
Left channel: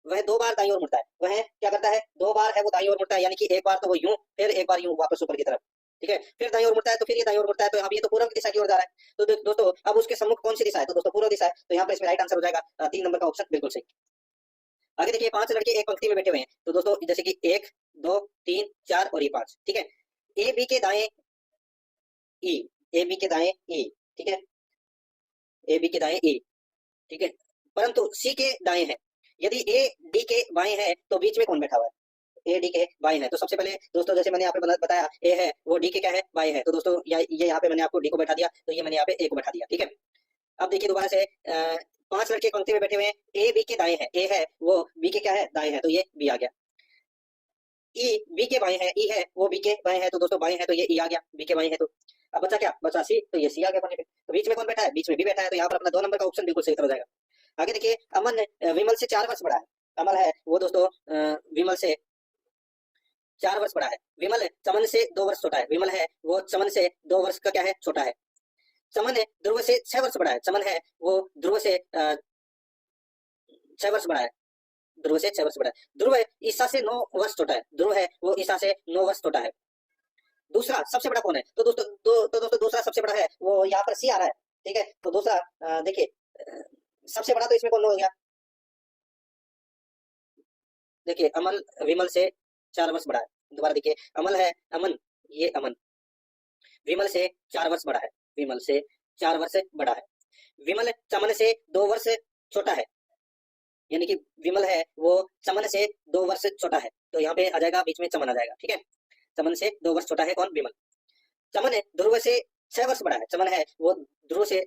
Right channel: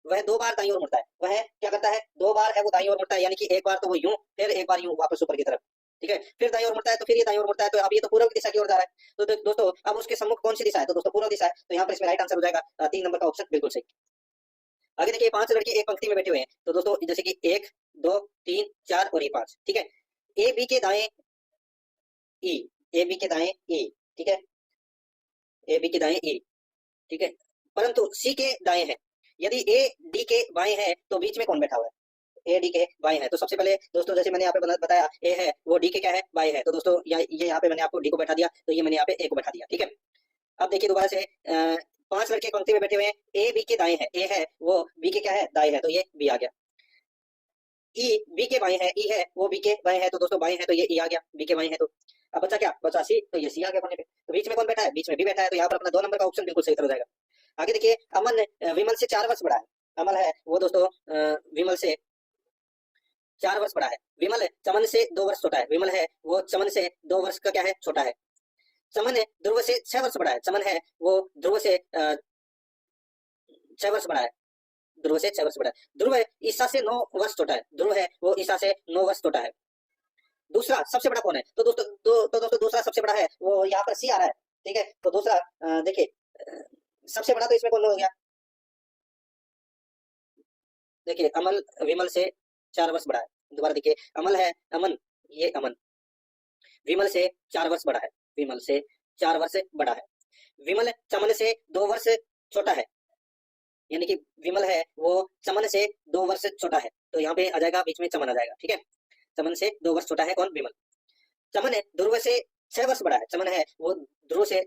वह 2 बार दाईं ओर मुड़ता है, वह क्या करता है, 2 बार है वो दाईं ओर मुड़ता है, यानी कि एक बार तो वो यूं फिर एक बार यूं वापस ऊपर की तरफ, ठीक है। फिर दाईं ओर मुड़ता है, तो फिर ये दाईं ओर मुड़ता है, तो अब ये तो पूर्व की दिशा की ओर जा रहा है। तो दोस्तों अब उसके सम्मुख कौन सी दिशा है, तो दोस्तों पूर्व दिशा है। तो यहाँ पर इसमें राइट आंसर हो जाएगा 3 नंबर का ऑप्शन बिल्कुल सही। आगे देखिए 5 लड़के एक पंक्ति में बैठे हुए हैं, तो दोस्तों जैसे कि 1 2 3 4 और ये 5, ठीक है। ए बी के दाएं ई, ए बी के दाएं ई, ठीक है, ए बी के दाएं ई, ठीक है। परंतु सी के दाएं है, यदि ए डी के बाएं है तो बीच में कौन बैठा हुआ है, ए डी के बाएं है। तो सबसे पहले दोस्तों जैसे मैंने यहाँ पे बताया ए है वो डी के क्या है, बाएं है। तो दोस्तों ये यहाँ पे मैंने आपको डी को बैठा दिया, तो ये मैंने यहाँ पे ए को बैठा दिया, ठीक है। अब देखिए दोबारा से 5 लड़के पंक्ति में बैठे हुए हैं, ए बी के दाएं है, ए है वो बी के क्या है, दाएं है, तो ये बी आ गया। ई बी के बाएं है, ई है वो बी के बाएं है, तो दोस्तों बाएं है तो ये ई आ गया, बी के बाएं है। तो अब बचा क्या, बचा सी, तो ये सी आ गया कोने पे। तो बीच में कौन बैठा है, बीच में भी बैठा है, तो यहाँ पर अपना 2 नंबर का ऑप्शन बिल्कुल सही हो जाएगा। आगे देखिए अमन विमल से 4 वर्ष बड़ा है, अमल है वो दोस्तों विमल से 4 वर्ष बड़ा है। विमल चमन से 2 वर्ष छोटा है, विमल है वो चमन से 2 वर्ष का क्या है, छोटा है। चमन है ध्रुव से 6 वर्ष बड़ा है, चमन है वो ध्रुव से 6 वर्ष बड़ा है, ध्रुव से 6 वर्ष बड़ा है। ध्रुव ईसा से 9 वर्ष छोटा है, ध्रुव है वो ईसा से 9 वर्ष छोटा है। दूसरा सबसे बड़ा कौन है, तो दोस्तों दूसरा सबसे बड़ा है वो यहाँ पर सी आ रहा है, ठीक है। तो दूसरा देखिए सबसे बड़ा तो इसमें कौन हो गया, देखिए अमल विमल से 4 वर्ष बड़ा है। दोबारा देखिए अमल है अमन, ये अमन विमल से 4 वर्ष बड़ा है, विमल से 4 वर्ष बड़ा है। विमल चमन से 2 वर्ष छोटा है, यानी कि विमल है वो चमन से 2 वर्ष छोटा है, तो यहाँ पे आ जाएगा बीच में चमन आ जाएगा, ठीक है। चमन से 2 वर्ष छोटा है कौन, विमल। चमन है ध्रुव से 6 वर्ष बड़ा है, चमन है वो ध्रुव से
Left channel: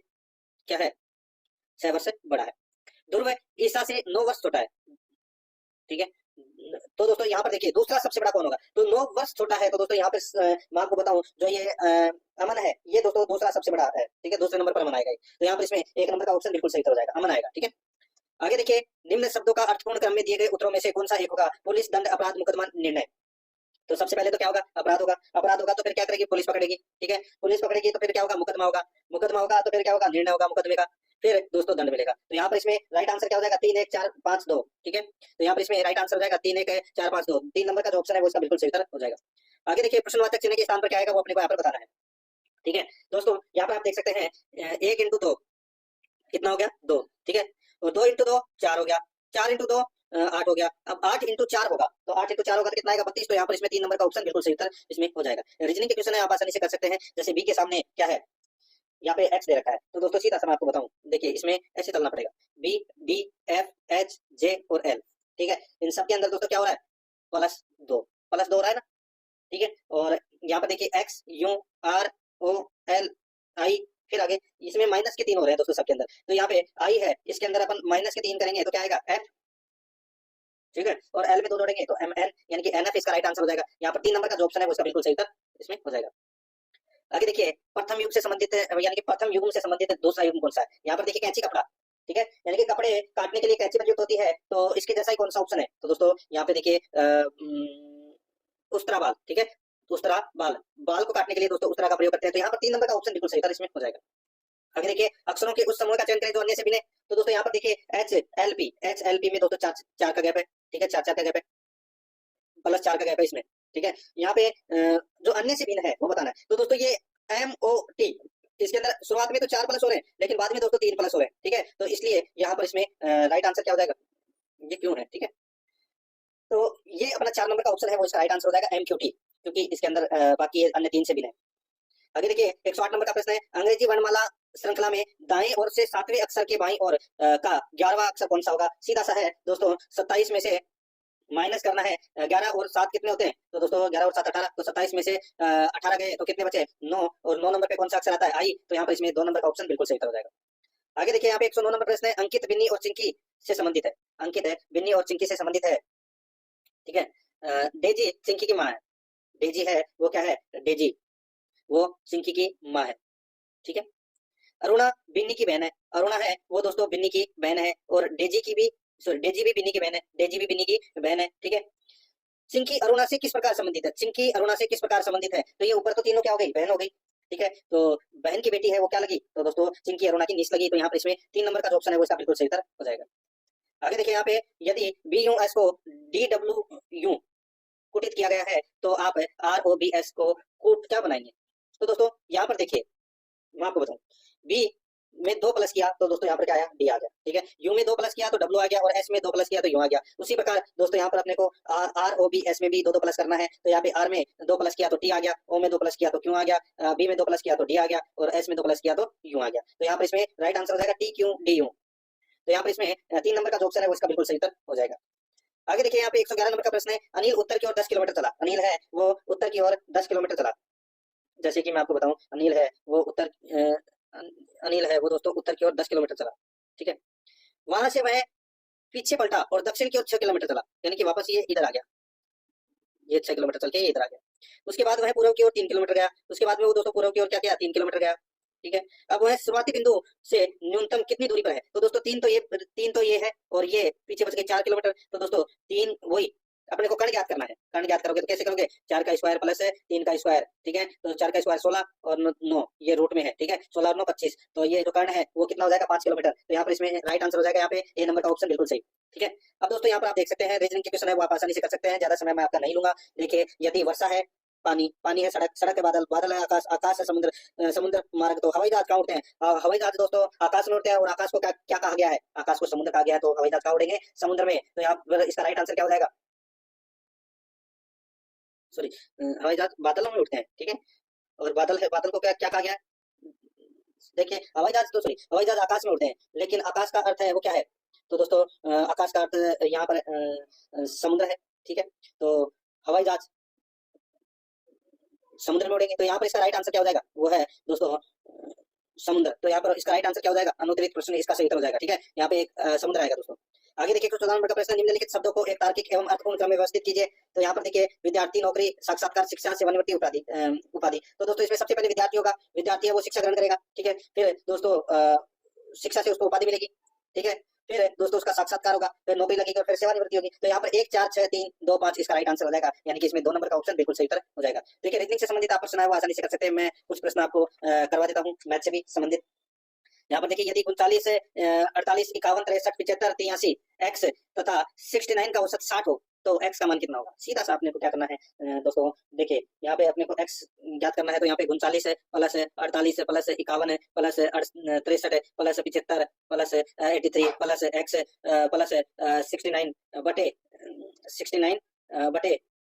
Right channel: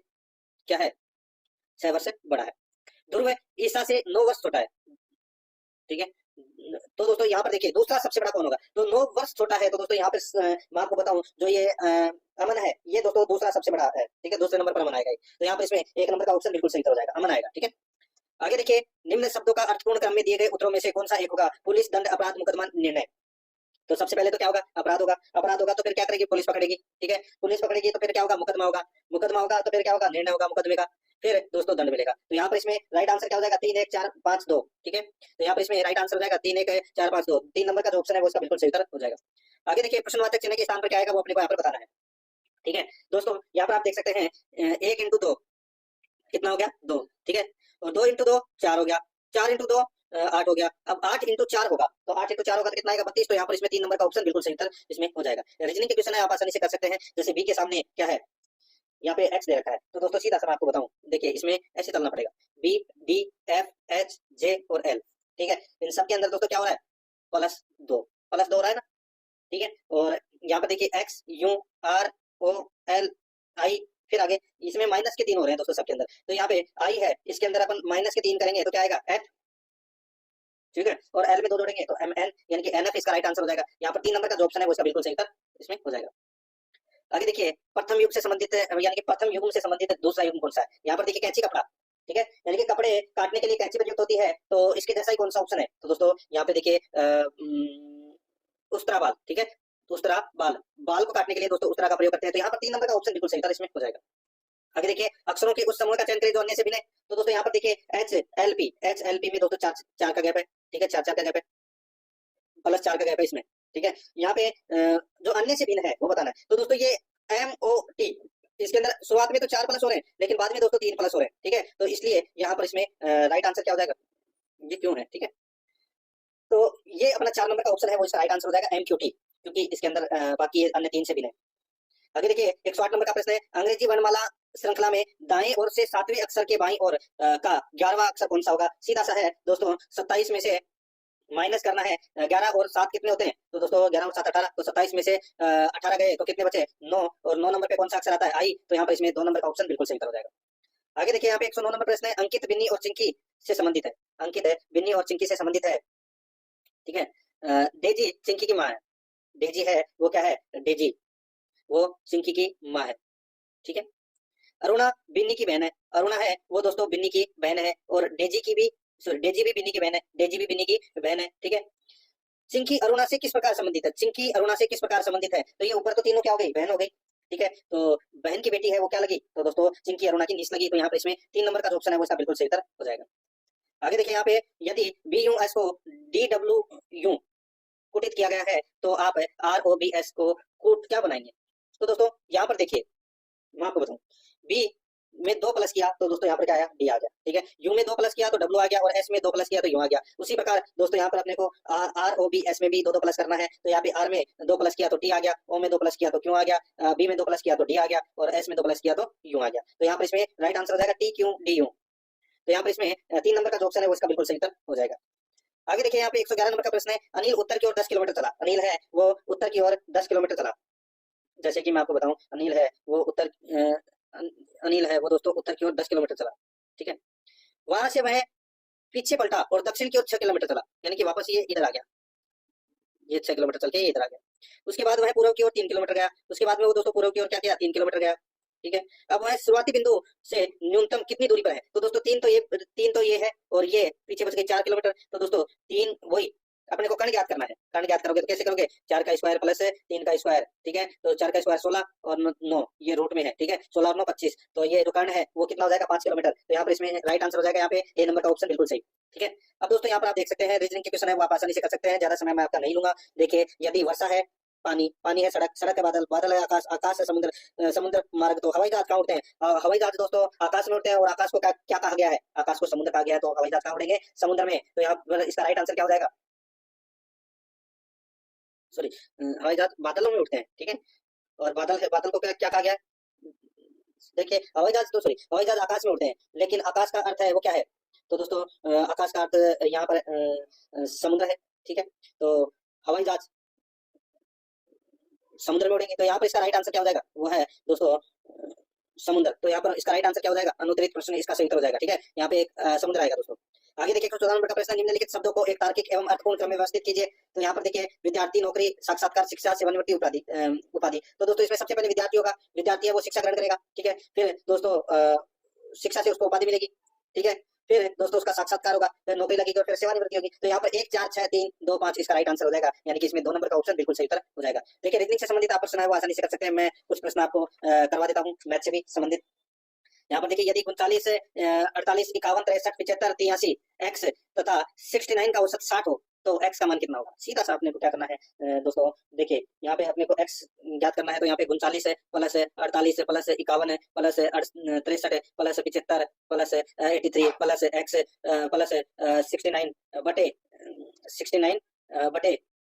क्या है, 6 वर्ष बड़ा है। ध्रुव ईसा से 9 वर्ष छोटा है, ठीक है। तो दोस्तों यहाँ पर देखिए दूसरा सबसे बड़ा कौन होगा, तो 9 वर्ष छोटा है। तो दोस्तों यहाँ पे मैं आपको बताऊं जो ये अमन है ये दोस्तों दूसरा सबसे बड़ा आता है, ठीक है, दूसरे नंबर पर अमन आएगा। तो यहाँ पर इसमें 1 नंबर का ऑप्शन बिल्कुल सही हो जाएगा, अमन आएगा, ठीक है। आगे देखिए निम्न शब्दों का अर्थपूर्ण क्रम में दिए गए उत्तरों में से कौन सा एक होगा, पुलिस दंड अपराध मुकदमा निर्णय। तो सबसे पहले तो क्या होगा, अपराध होगा, अपराध होगा तो फिर क्या करेगी, पुलिस पकड़ेगी, ठीक है। पुलिस पकड़ेगी तो फिर क्या होगा, मुकदमा होगा, मुकदमा होगा तो फिर क्या होगा, निर्णय होगा मुकदमे का, फिर दोस्तों दंड मिलेगा। तो यहाँ पर इसमें राइट आंसर क्या हो जाएगा, 3 1 4 5 2, ठीक है। तो यहाँ पर इसमें राइट आंसर हो जाएगा 3 1 4 5 2, 3 नंबर का जो ऑप्शन है वो इसका बिल्कुल सही उत्तर हो जाएगा। आगे देखिए प्रश्नवाचक चिन्ह के स्थान पर क्या आएगा वो अपने को यहाँ पर बताना है, ठीक है। दोस्तों यहाँ पर आप देख सकते हैं 1 × 2 कितना हो गया, 2, ठीक है। और 2 × 2 4 हो गया, 4 × 2 8 हो गया। अब 8 × 4 होगा, तो 8 × 4 होगा तो कितना आएगा, 32। तो यहाँ पर इसमें 3 नंबर का ऑप्शन बिल्कुल सही उत्तर इसमें हो जाएगा। रीजनिंग के क्वेश्चन है आप आसानी से कर सकते हैं, जैसे बी के सामने क्या है, यहाँ पे x दे रखा है, तो दोस्तों सीधा सा मैं आपको बताऊं, देखिए इसमें ऐसे चलना पड़ेगा, b d f h j और l, ठीक है। इन सब के अंदर दोस्तों क्या हो रहा है, +2 हो रहा है ना, ठीक है। और यहाँ पर देखिए x यूं हो रहे हैं दोस्तों सबके अंदर। तो यहाँ पे आई है, इसके अंदर अपन माइनस के 3 करेंगे तो क्या आएगा एफ, ठीक है, और एल में 2 जोड़ेंगे तो एम एन, यानी कि एन एफ इसका राइट आंसर हो जाएगा। यहाँ पर 3 नंबर का जो ऑप्शन है वो इसका बिल्कुल सही उत्तर इसमें हो जाएगा। आगे देखिए प्रथम युग से संबंधित है, यानी कि प्रथम युग से संबंधित दूसरा युग कौन सा है। यहाँ पर देखिए कैंची कपड़ा, ठीक है, यानी कि कपड़े काटने के लिए कैंची प्रयुक्त होती है, तो इसके जैसा ही कौन सा ऑप्शन है। तो दोस्तों यहाँ पे देखिए उस्तरा बाल, ठीक है, उस्तरा बाल, बाल को काटने के लिए दोस्तों उस्तरा का प्रयोग करते हैं। तो यहाँ पर 3 नंबर का ऑप्शन बिल्कुल सही था, इसमें हो जाएगा। आगे देखिए अक्षरों के उस समूह का चयन करें जो अन्य से भिन्न है। तो दोस्तों यहाँ पर देखिए एच एल पी में दोस्तों चार का गैप है, ठीक है, चार का गैप है, प्लस 4 का गैप है इसमें, ठीक है। यहाँ पे जो अन्य से भिन्न है वो बताना है। तो दोस्तों ये एम ओ टी, इसके अंदर शुरुआत में तो 4 प्लस हो रहे हैं, लेकिन बाद में दोस्तों 3 प्लस हो रहे हैं, ठीक है। तो इसलिए यहाँ पर इसमें राइट आंसर क्या हो जाएगा, ये क्यों है, ठीक है। तो ये अपना 4 नंबर का ऑप्शन है वो इसका राइट आंसर हो जाएगा एम क्यू टी, क्योंकि इसके अंदर बाकी अन्य 3 से भिन्न है। आगे देखिए 108 नंबर का प्रश्न है, अंग्रेजी वर्णमाला श्रृंखला में दाएं ओर से 7वें अक्षर के बाईं ओर का 11वां अक्षर कौन सा होगा। सीधा सा है दोस्तों, 27 में से माइनस करना है 11 और 7 कितने होते हैं। तो दोस्तों 11 और 7 18, तो 27 में से 18 गए तो कितने बचे 9, और 9 नंबर पे कौन सा अक्षर आता है आई। तो यहाँ पर इसमें 2 नंबर का ऑप्शन बिल्कुल सही हो जाएगा। आगे देखिए यहाँ पे 109 नंबर प्रश्न है, अंकित बिन्नी और चिंकी से संबंधित है। अंकित है बिन्नी और चिंकी से संबंधित है, ठीक है। डेजी चिंकी की माँ है, डेजी है वो क्या है, डेजी वो चिंकी की माँ है, ठीक है। अरुणा बिन्नी की बहन है, अरुणा है वो दोस्तों बिन्नी की बहन है, और डेजी की भी, सॉरी डेजी भी बिन्नी की बहन है, डेजी भी बिन्नी की बहन है, ठीक है। चिंकी अरुणा से किस प्रकार संबंधित है, चिंकी अरुणा से किस प्रकार संबंधित है। तो ये ऊपर तो तीनों क्या हो गई, बहन हो गई, ठीक है। तो बहन की बेटी है वो क्या लगी, तो दोस्तों चिंकी अरुणा की निस लगी। तो यहाँ पर इसमें 3 नंबर का जो ऑप्शन है वो इसका बिल्कुल सही उत्तर हो जाएगा। आगे देखिए यहाँ पे यदि बी यू एस को डी डब्ल्यू यू कुटित किया गया है तो आप आर ओ बी एस को कूट क्या बनाएंगे। तो दोस्तों यहाँ पर देखिए मैं आपको बताऊं, बी में 2 प्लस किया तो दोस्तों यहाँ पर क्या आया, डी आ गया, ठीक है। यू में 2 प्लस किया तो डब्ल्यू आ गया, और एस में 2 प्लस किया तो यू आ गया। उसी प्रकार दोस्तों यहाँ पर अपने को आर ओ बी एस में भी 2 प्लस करना है। तो यहाँ पे आर में 2 प्लस किया तो टी आ गया, ओ में 2 प्लस किया तो क्यू आ गया, बी में 2 प्लस किया तो डी आ गया, और एस में 2 प्लस किया तो यू आ गया। तो यहाँ पर इसमें राइट आंसर हो जाएगा टी क्यू डी यू। तो यहाँ पर इसमें 3 नंबर का जो ऑप्शन है वो इसका बिल्कुल सही उत्तर हो जाएगा। आगे देखिए यहाँ पे 111 नंबर का प्रश्न है, अनिल उत्तर की ओर 10 किलोमीटर चला। अनिल है वो उत्तर की ओर 10 किलोमीटर चला। जैसे कि मैं आपको बताऊं, अनिल है वो अनिल है वो दोस्तों उत्तर की ओर 10 किलोमीटर चला, ठीक है। वहां से वह पीछे पलटा और दक्षिण की ओर 6 किलोमीटर चला, यानी कि वापस ये इधर आ गया, ये 6 किलोमीटर चल के ये इधर आ गया। उसके बाद वह पूर्व की ओर 3 किलोमीटर गया। उसके बाद में वो दोस्तों पूर्व की ओर क्या किया, 3 किलोमीटर गया, ठीक है। अब वह शुरुआती बिंदु से न्यूनतम कितनी दूरी पर है। तो दोस्तों 3 तो ये है, और ये पीछे बच गए 4 किलोमीटर। तो दोस्तों 3 वही अपने को कर्ण ज्ञात करना है। कर्ण ज्ञात करोगे तो कैसे करोगे, 4 का स्क्वायर प्लस 3 का स्क्वायर, ठीक है। तो 4 का स्क्वायर 16 और 9 ये रूट में है, ठीक है। 16 और 9 25, तो ये जो कर्ण है वो कितना हो जाएगा, 5 किलोमीटर। तो यहाँ पर इसमें राइट आंसर हो जाएगा यहाँ पे ए नंबर का ऑप्शन बिल्कुल सही, ठीक है। अब दोस्तों यहाँ पर आप देख सकते हैं रीजनिंग के क्वेश्चन है वो आप आसानी से कर सकते हैं, ज्यादा समय मैं आपका नहीं लूंगा। देखिए यदि वर्षा है, पानी है, सड़क है, बादल है, आकाश है, समुद्र मार्ग, तो हवाई जहाज कहाँ उड़ते हैं। हवाई जहाज दोस्तों आकाश में उड़ते हैं, और आकाश को क्या कहा गया है, आकाश को समुद्र कहा गया है। तो हवाई जहाज कहाँ उड़ेंगे, समुद्र में। तो यहाँ पर इसका राइट आंसर क्या हो जाएगा, सॉरी हवाई जहाज बादलों में उड़ते हैं, ठीक है। और बादल है, बादल को क्या कहा गया, देखिए हवाई जहाज आकाश में उड़ते हैं, लेकिन आकाश का अर्थ है वो क्या है। तो दोस्तों आकाश का अर्थ यहाँ पर समुद्र है, ठीक है। तो हवाई जहाज समुद्र में उड़ेंगे। तो यहाँ पर इसका राइट आंसर क्या हो जाएगा, वो है दोस्तों समुद्र। तो यहाँ पर इसका राइट आंसर क्या हो जाएगा, अनुत्तरित प्रश्न इसका सही उत्तर हो जाएगा, ठीक है। यहाँ पे एक समुद्र आएगा दोस्तों। आगे देखिए 14 नंबर का प्रश्न, निम्नलिखित शब्दों को एक तार्किक एवं अर्थपूर्ण क्रम में व्यवस्थित कीजिए। तो यहाँ पर देखिए विद्यार्थी, नौकरी, साक्षात्कार, शिक्षा, सेवानिवृत्ति, उपाधि। तो दोस्तों इसमें सबसे पहले विद्यार्थी होगा, विद्यार्थी है वो शिक्षा ग्रहण करेगा, ठीक है। फिर दोस्तों शिक्षा से उसको उपाधि मिलेगी, ठीक है। फिर दोस्तों उसका साक्षात्कार होगा, फिर नौकरी लगेगी, और फिर सेवानिवृत्ति होगी। तो यहाँ पर 1 4 6 3 2 5 इसका राइट आंसर हो जाएगा, यानी कि इसमें 2 नंबर का ऑप्शन बिल्कुल सही उत्तर हो जाएगा। देखिए रीजनिंग से संबंधित आप प्रश्न है वो आसानी से कर सकते हैं। मैं कुछ प्रश्न आपको करवा देता हूँ मैथ से भी संबंधित। यहाँ पर देखिए यदि 39 48 51 63 75 83 x तथा 69 का औसत 60 हो तो x का मान कितना होगा। सीधा सा अपने को क्या करना है दोस्तों, देखिए यहाँ पे अपने को x ज्ञात करना है। तो यहाँ पे 39 है प्लस 48 है प्लस 51 है प्लस 63 है plus 75 plus 83 plus x plus 69 बटे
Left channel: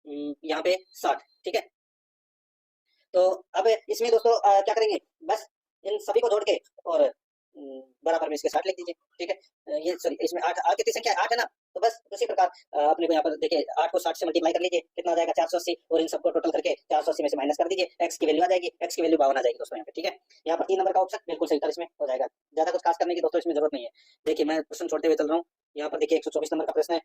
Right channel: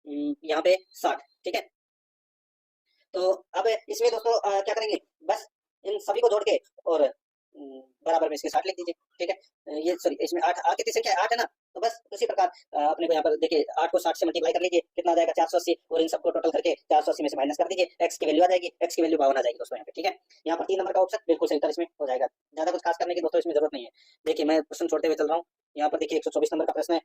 यहाँ पे 60, ठीक है। तो अब इसमें दोस्तों क्या करेंगे, बस इन सभी को जोड़ के और बराबर में इसके 60 लिख दीजिए, ठीक है। ये सॉरी इसमें 8 की संख्या 8 है ना, तो बस उसी प्रकार अपने को यहाँ पर देखिए 8 को 60 से मल्टीप्लाई कर लीजिए, कितना आ जाएगा 480, और इन सबको टोटल करके 480 में से माइनस कर दीजिए, x की वैल्यू आ जाएगी, x की वैल्यू 52 आ जाएगी दोस्तों यहाँ पे, ठीक है। यहाँ पर 3 नंबर का ऑप्शन बिल्कुल सही उत्तर इसमें हो जाएगा। ज्यादा कुछ खास करने की दोस्तों इसमें जरूरत नहीं है। देखिए मैं प्रश्न छोड़ते हुए चल रहा हूँ। यहाँ पर देखिए 124 नंबर का प्रश्न है,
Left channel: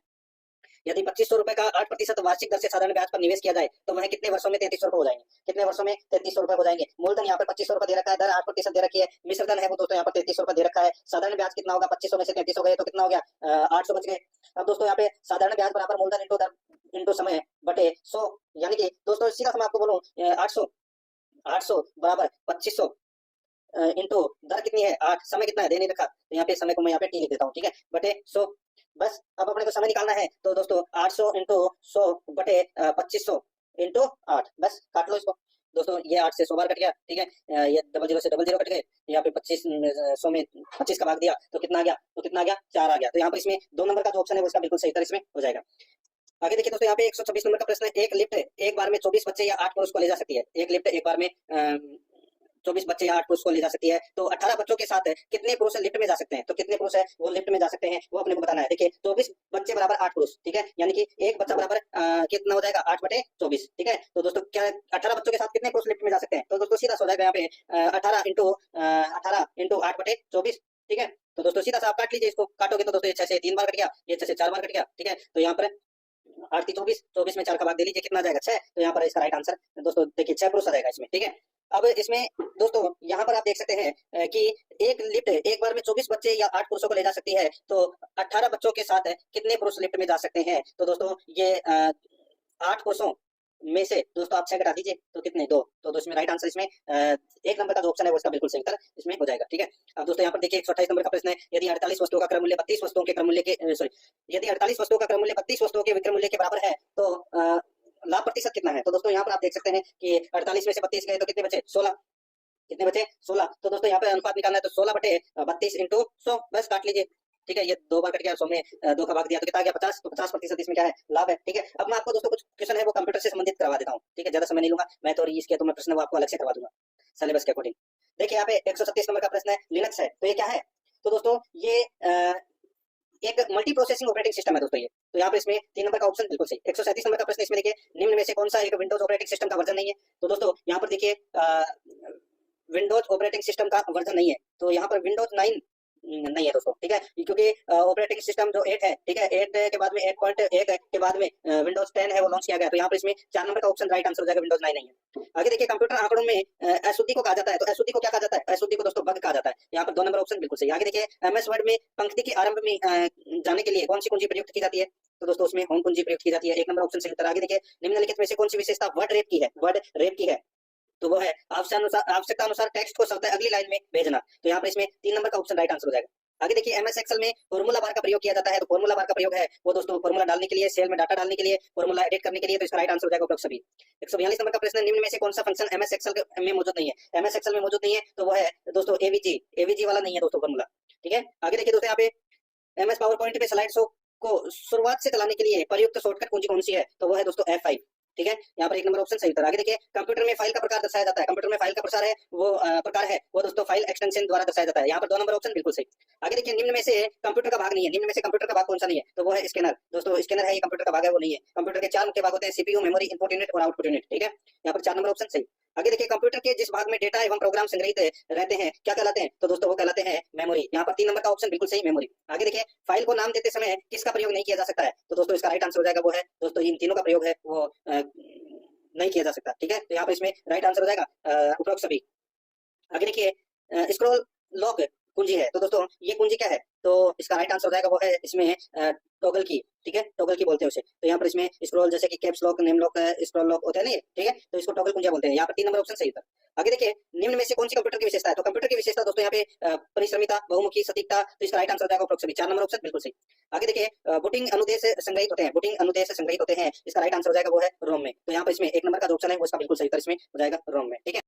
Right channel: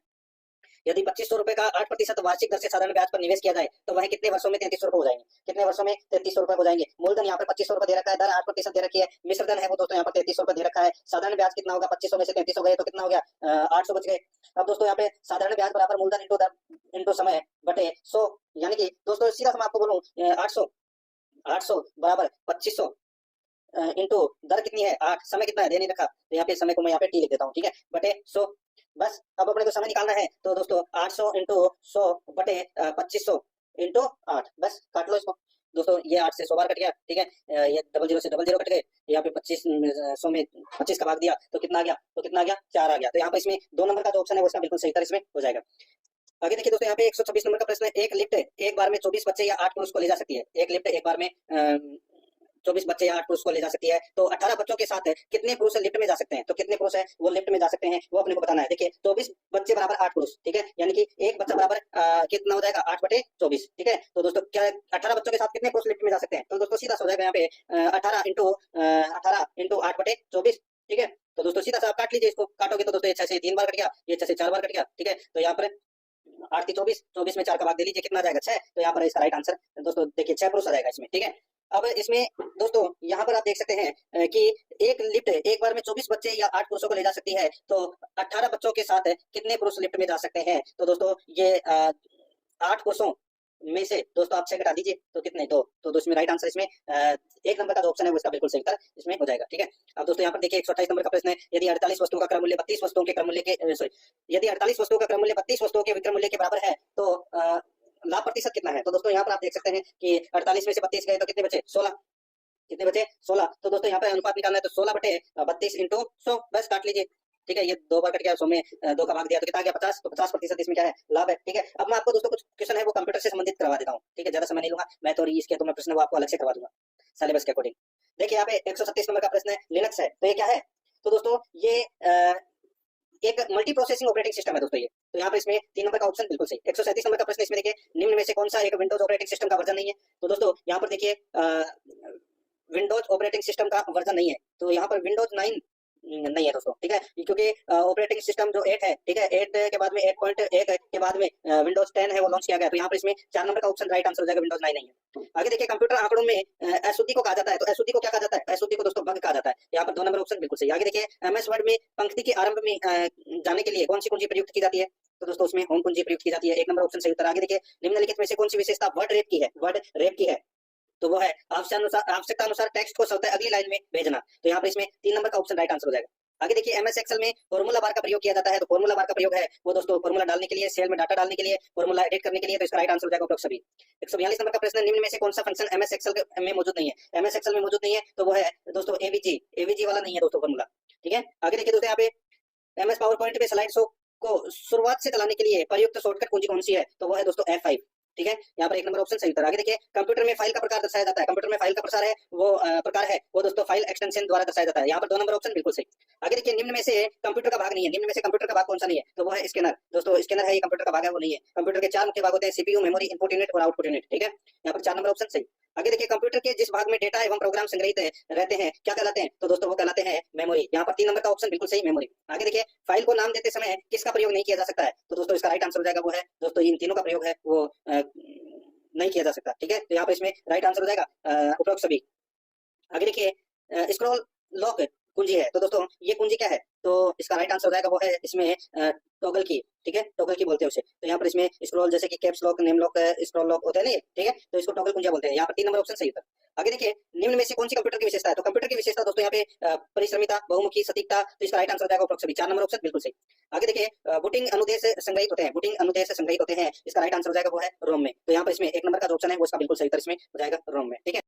यदि 2500 रुपए का 8% वार्षिक दर से साधारण ब्याज पर निवेश किया जाए तो वह कितने वर्षों में 3300 रुपए हो जाएंगे, कितने वर्षों में 3300 रुपए हो जाएंगे। मूलधन यहाँ पर 2500 रुपए दे रखा है, दर 8% दे रखी है, मिश्र धन है वो दोस्तों यहाँ पर 3300 रुपए दे रखा है। साधारण ब्याज कितना होगा, 2500 में से 3300 गए तो कितना हो गया, 800 बच गए। अब दोस्तों यहाँ पे साधारण ब्याज बराबर मूलधन इंटू दर इंटू समय बटे 100, यानी कि दोस्तों सीधा मैं आपको बोलूं 800 बराबर 2500 इंटू दर कितनी है 8, समय कितना है दे नहीं रखा, तो यहाँ पे समय को मैं यहाँ पे टी लिख देता हूँ, ठीक है, बटे 100। बस अब अपने को समय निकालना है, तो दोस्तों 800 इंटू 100 बटे 2500 इंटू 8, बस काट लो इसको दोस्तों। ये 8 से 100 बार कट गया, ठीक है, ये 00 से 00 कट गए, यहाँ पे 25 100 में 25 का भाग दिया तो कितना आ गया, 4 आ गया। तो यहाँ पर इसमें 2 नंबर का जो ऑप्शन है उसका बिल्कुल सही उत्तर इसमें हो जाएगा। आगे देखिए दोस्तों यहाँ पे 126 नंबर का प्रश्न है, एक लिफ्ट एक बार में 24 बच्चे या 8 पुरुष को ले जा सकती है। एक लिफ्ट एक बार में 24 बच्चे या 8 पुरुष को ले जा सकती है, तो 18 बच्चों के साथ कितने पुरुष लिफ्ट में जा सकते हैं, तो कितने पुरुष है वो लिफ्ट में जा सकते हैं वो अपने को बताना है। देखिए 24 बच्चे बराबर 8 पुरुष, ठीक है, यानी कि एक बच्चा बराबर कितना हो जाएगा 8 बटे 24, ठीक है। तो दोस्तों क्या 18 बच्चों के साथ कितने पुरुष लिफ्ट में जा सकते हैं, तो दोस्तों सीधा सा हो जाएगा यहाँ पे 18 इंटू 8 बटे 24, ठीक है। तो दोस्तों सीधा सा आप काट लीजिए, इसको काटोगे तो दोस्तों ये 6 से 3 बार कट गया, ये 6 से 4 बार कट गया, ठीक है। तो यहाँ पर 8 की 24, 24 में 4 का भाग दे लीजिए, कितना आ जाएगा 6, तो यहाँ पर इसका राइट आंसर दोस्तों देखिए 6 पुरुष आ जाएगा इसमें, ठीक है। अब इसमें दोस्तों यहाँ पर आप देख सकते हैं कि एक लिफ्ट एक बार में 24 बच्चे या 8 पुरुषों को ले जा सकती है, तो 18 बच्चों के साथ कितने पुरुष लिफ्ट में जा सकते हैं, तो दोस्तों ये 8 पुरुषों में से दोस्तों आप 6 घटा दीजिए तो कितने 2, तो दोस्तों इसमें राइट आंसर इसमें 1 नंबर का जो ऑप्शन है वो इसका बिल्कुल सही उत्तर इसमें हो जाएगा, ठीक है। अब दोस्तों यहाँ पर देखिए 128 नंबर का प्रश्न है, यदि 48 वस्तुओं का क्रम मूल्य 32 वस्तुओं के क्रम मूल्य के सॉरी यदि 48 वस्तुओं का क्रम मूल्य 32 वस्तुओं के विक्रय मूल्य के बराबर है तो लाभ प्रतिशत कितना है, तो दोस्तों यहाँ पर आप देख सकते हैं कि 48 में से 32 गए तो कितने बचे 16, कितने बचे 16, तो दोस्तों यहाँ पे अनुपात निकालना है, तो 16 बटे 32 इंटू 100, बस काट लीजिए, ठीक है। ये 2 बार कट गया, 100 में 2 का भाग दिया तो कितना आ गया 50, तो 50% इसमें क्या है लाभ है, ठीक है। अब मैं आपको दोस्तों कुछ क्वेश्चन है वो कंप्यूटर से संबंधित करवा देता हूँ, ठीक है, ज्यादा समय नहीं लूंगा मैं, तो इसके तो मैं प्रश्न वो आपको अलग से करवा दूंगा सिलेबस के अकॉर्डिंग। देखिए यहाँ पे 137 नंबर का प्रश्न है, लिनक्स है, तो ये क्या है, तो दोस्तों ये एक मल्टी प्रोसेसिंग ऑपरेटिंग सिस्टम है दोस्तों ये, तो यहाँ पे इसमें 3 नंबर का ऑप्शन बिल्कुल सही। 137 नंबर का प्रश्न इसमें देखिए, निम्न में से कौन सा एक विंडोज ऑपरेटिंग सिस्टम का वर्जन नहीं है, तो दोस्तों यहाँ पर देखिए विंडोज ऑपरेटिंग सिस्टम का वर्जन नहीं है, तो यहाँ पर विंडोज 9 नहीं है दोस्तों, ठीक है, क्योंकि ऑपरेटिंग सिस्टम जो 8 है, ठीक है, 8 के बाद में 8.1 के बाद में विंडोज 10 है वो लॉन्च किया गया, तो यहाँ पर इसमें 4 नंबर का ऑप्शन राइट आंसर हो जाएगा, विंडोज 9 नहीं है। आगे देखिए कंप्यूटर आंकड़ों में अशुद्धि को कहा जाता है, तो अशुद्धि को क्या कहा जाता है, अशुद्धि को दोस्तों बग कहा जाता है, यहाँ पर 2 नंबर ऑप्शन बिल्कुल सही। आगे देखिए एमएस वर्ड में पंक्ति के आरंभ में जाने के लिए कौन सी कुंजी प्रयुक्त की जाती है, तो दोस्तों उसमें होम कुंजी प्रयुक्त की जाती है, 1 नंबर ऑप्शन सही उत्तर। आगे देखिए निम्नलिखित में से कौन सी विशेषता वर्ड रेप की है, वर्ड रेप की है, तो वो है आवश्यकता अनुसार टेक्स्ट को स्वतः अगली लाइन में भेजना, तो यहाँ पर इसमें 3 नंबर का ऑप्शन राइट आंसर हो जाएगा। आगे देखिए एमएस एक्सेल में फॉर्मूला बार का प्रयोग किया जाता है, तो फॉर्मूला बार का प्रयोग है वो दोस्तों फॉर्मूला डालने के लिए, सेल में डाटा डालने के लिए, फॉर्मूला एडिट करने के लिए, तो इसका राइट आंसर हो जाएगा उपरोक्त सभी। 142 नंबर का प्रश्न है, निम्न में से कौन सा फंक्शन एमएस एक्सेल में मौजूद नहीं है, एमएस एक्सेल में मौजूद नहीं है, तो वो है दोस्तों एवीजी, एवीजी वाला नहीं है दोस्तों फॉर्मूला, ठीक है। आगे देखिए दोस्तों यहाँ पे एमएस पावर पॉइंट में स्लाइड शो को शुरुआत से चलाने के लिए प्रयुक्त शॉर्टकट कुंजी कौन सी है, तो वो है दोस्तों F5, ठीक है, यहाँ पर 1 नंबर ऑप्शन सही उत्तर। आगे देखिए कंप्यूटर में फाइल का प्रकार दर्शाया जाता है, कंप्यूटर में फाइल का प्रकार है वो दोस्तों फाइल एक्सटेंशन द्वारा दर्शाया जाता है, यहाँ पर 2 नंबर ऑप्शन बिल्कुल सही। आगे देखिए निम्न में से कंप्यूटर का भाग नहीं है, निम्न में से कंप्यूटर का भाग कौन सा नहीं है, तो वो है स्कैनर, दोस्तों स्कैनर है ये कंप्यूटर का भाग है वो नहीं है। कंप्यूटर के 4 मुख्य भाग होते हैं, सीपीयू, मेमोरी, इनपुट यूनिट और आउटपुट यूनिट, ठीक है, यहाँ पर 4 नंबर ऑप्शन सही। आगे देखिए कंप्यूटर के जिस भाग में डेटा एवं प्रोग्राम संग्रहित रहते हैं क्या कहलाते हैं, तो दोस्तों वो कहलाते हैं मेमोरी, यहाँ पर 3 नंबर का ऑप्शन बिल्कुल सही मेमोरी। आगे देखिए फाइल को नाम देते समय किसका प्रयोग नहीं किया जा सकता है, तो दोस्तों इसका राइट आंसर हो जाएगा वो है दोस्तों इन तीनों का प्रयोग है वो नहीं किया जा सकता, ठीक है, तो यहाँ पर इसमें राइट आंसर हो जाएगा उपरोक्त सभी। आगे देखिए स्क्रॉल लॉक कुंजी है, तो दोस्तों ये कुंजी क्या है, तो इसका राइट आंसर हो जाएगा वो है इसमें टॉगल की, ठीक है, टॉगल की बोलते हैं उसे, तो यहाँ पर इसमें स्क्रॉल जैसे कि caps lock, name lock, scroll lock होते हैं ना, ठीक है, तो इसको टॉगल कुंजिया बोलते हैं, यहाँ पर 3 नंबर ऑप्शन सही था। आगे देखिए निम्न में से कौन सी कंप्यूटर की विशेषता है, तो कंप्यूटर की विशेषता दोस्तों यहाँ पे परिश्रमिता, बहुमुखी, सटीकता, तो इसका राइट आंसर हो जाएगा उपरोक्त सभी, 4 नंबर ऑप्शन बिल्कुल सही। आगे देखिए बूटिंग अनुदेश संग्रहित होते हैं, बूटिंग अनुदेश संग्रहित होते हैं, इसका राइट आंसर हो जाएगा वो है रोम में, तो यहाँ पर इसमें 1 नंबर का जो ऑप्शन है वो इसका बिल्कुल सही उत्तर इसमें हो जाएगा रोम में, ठीक है।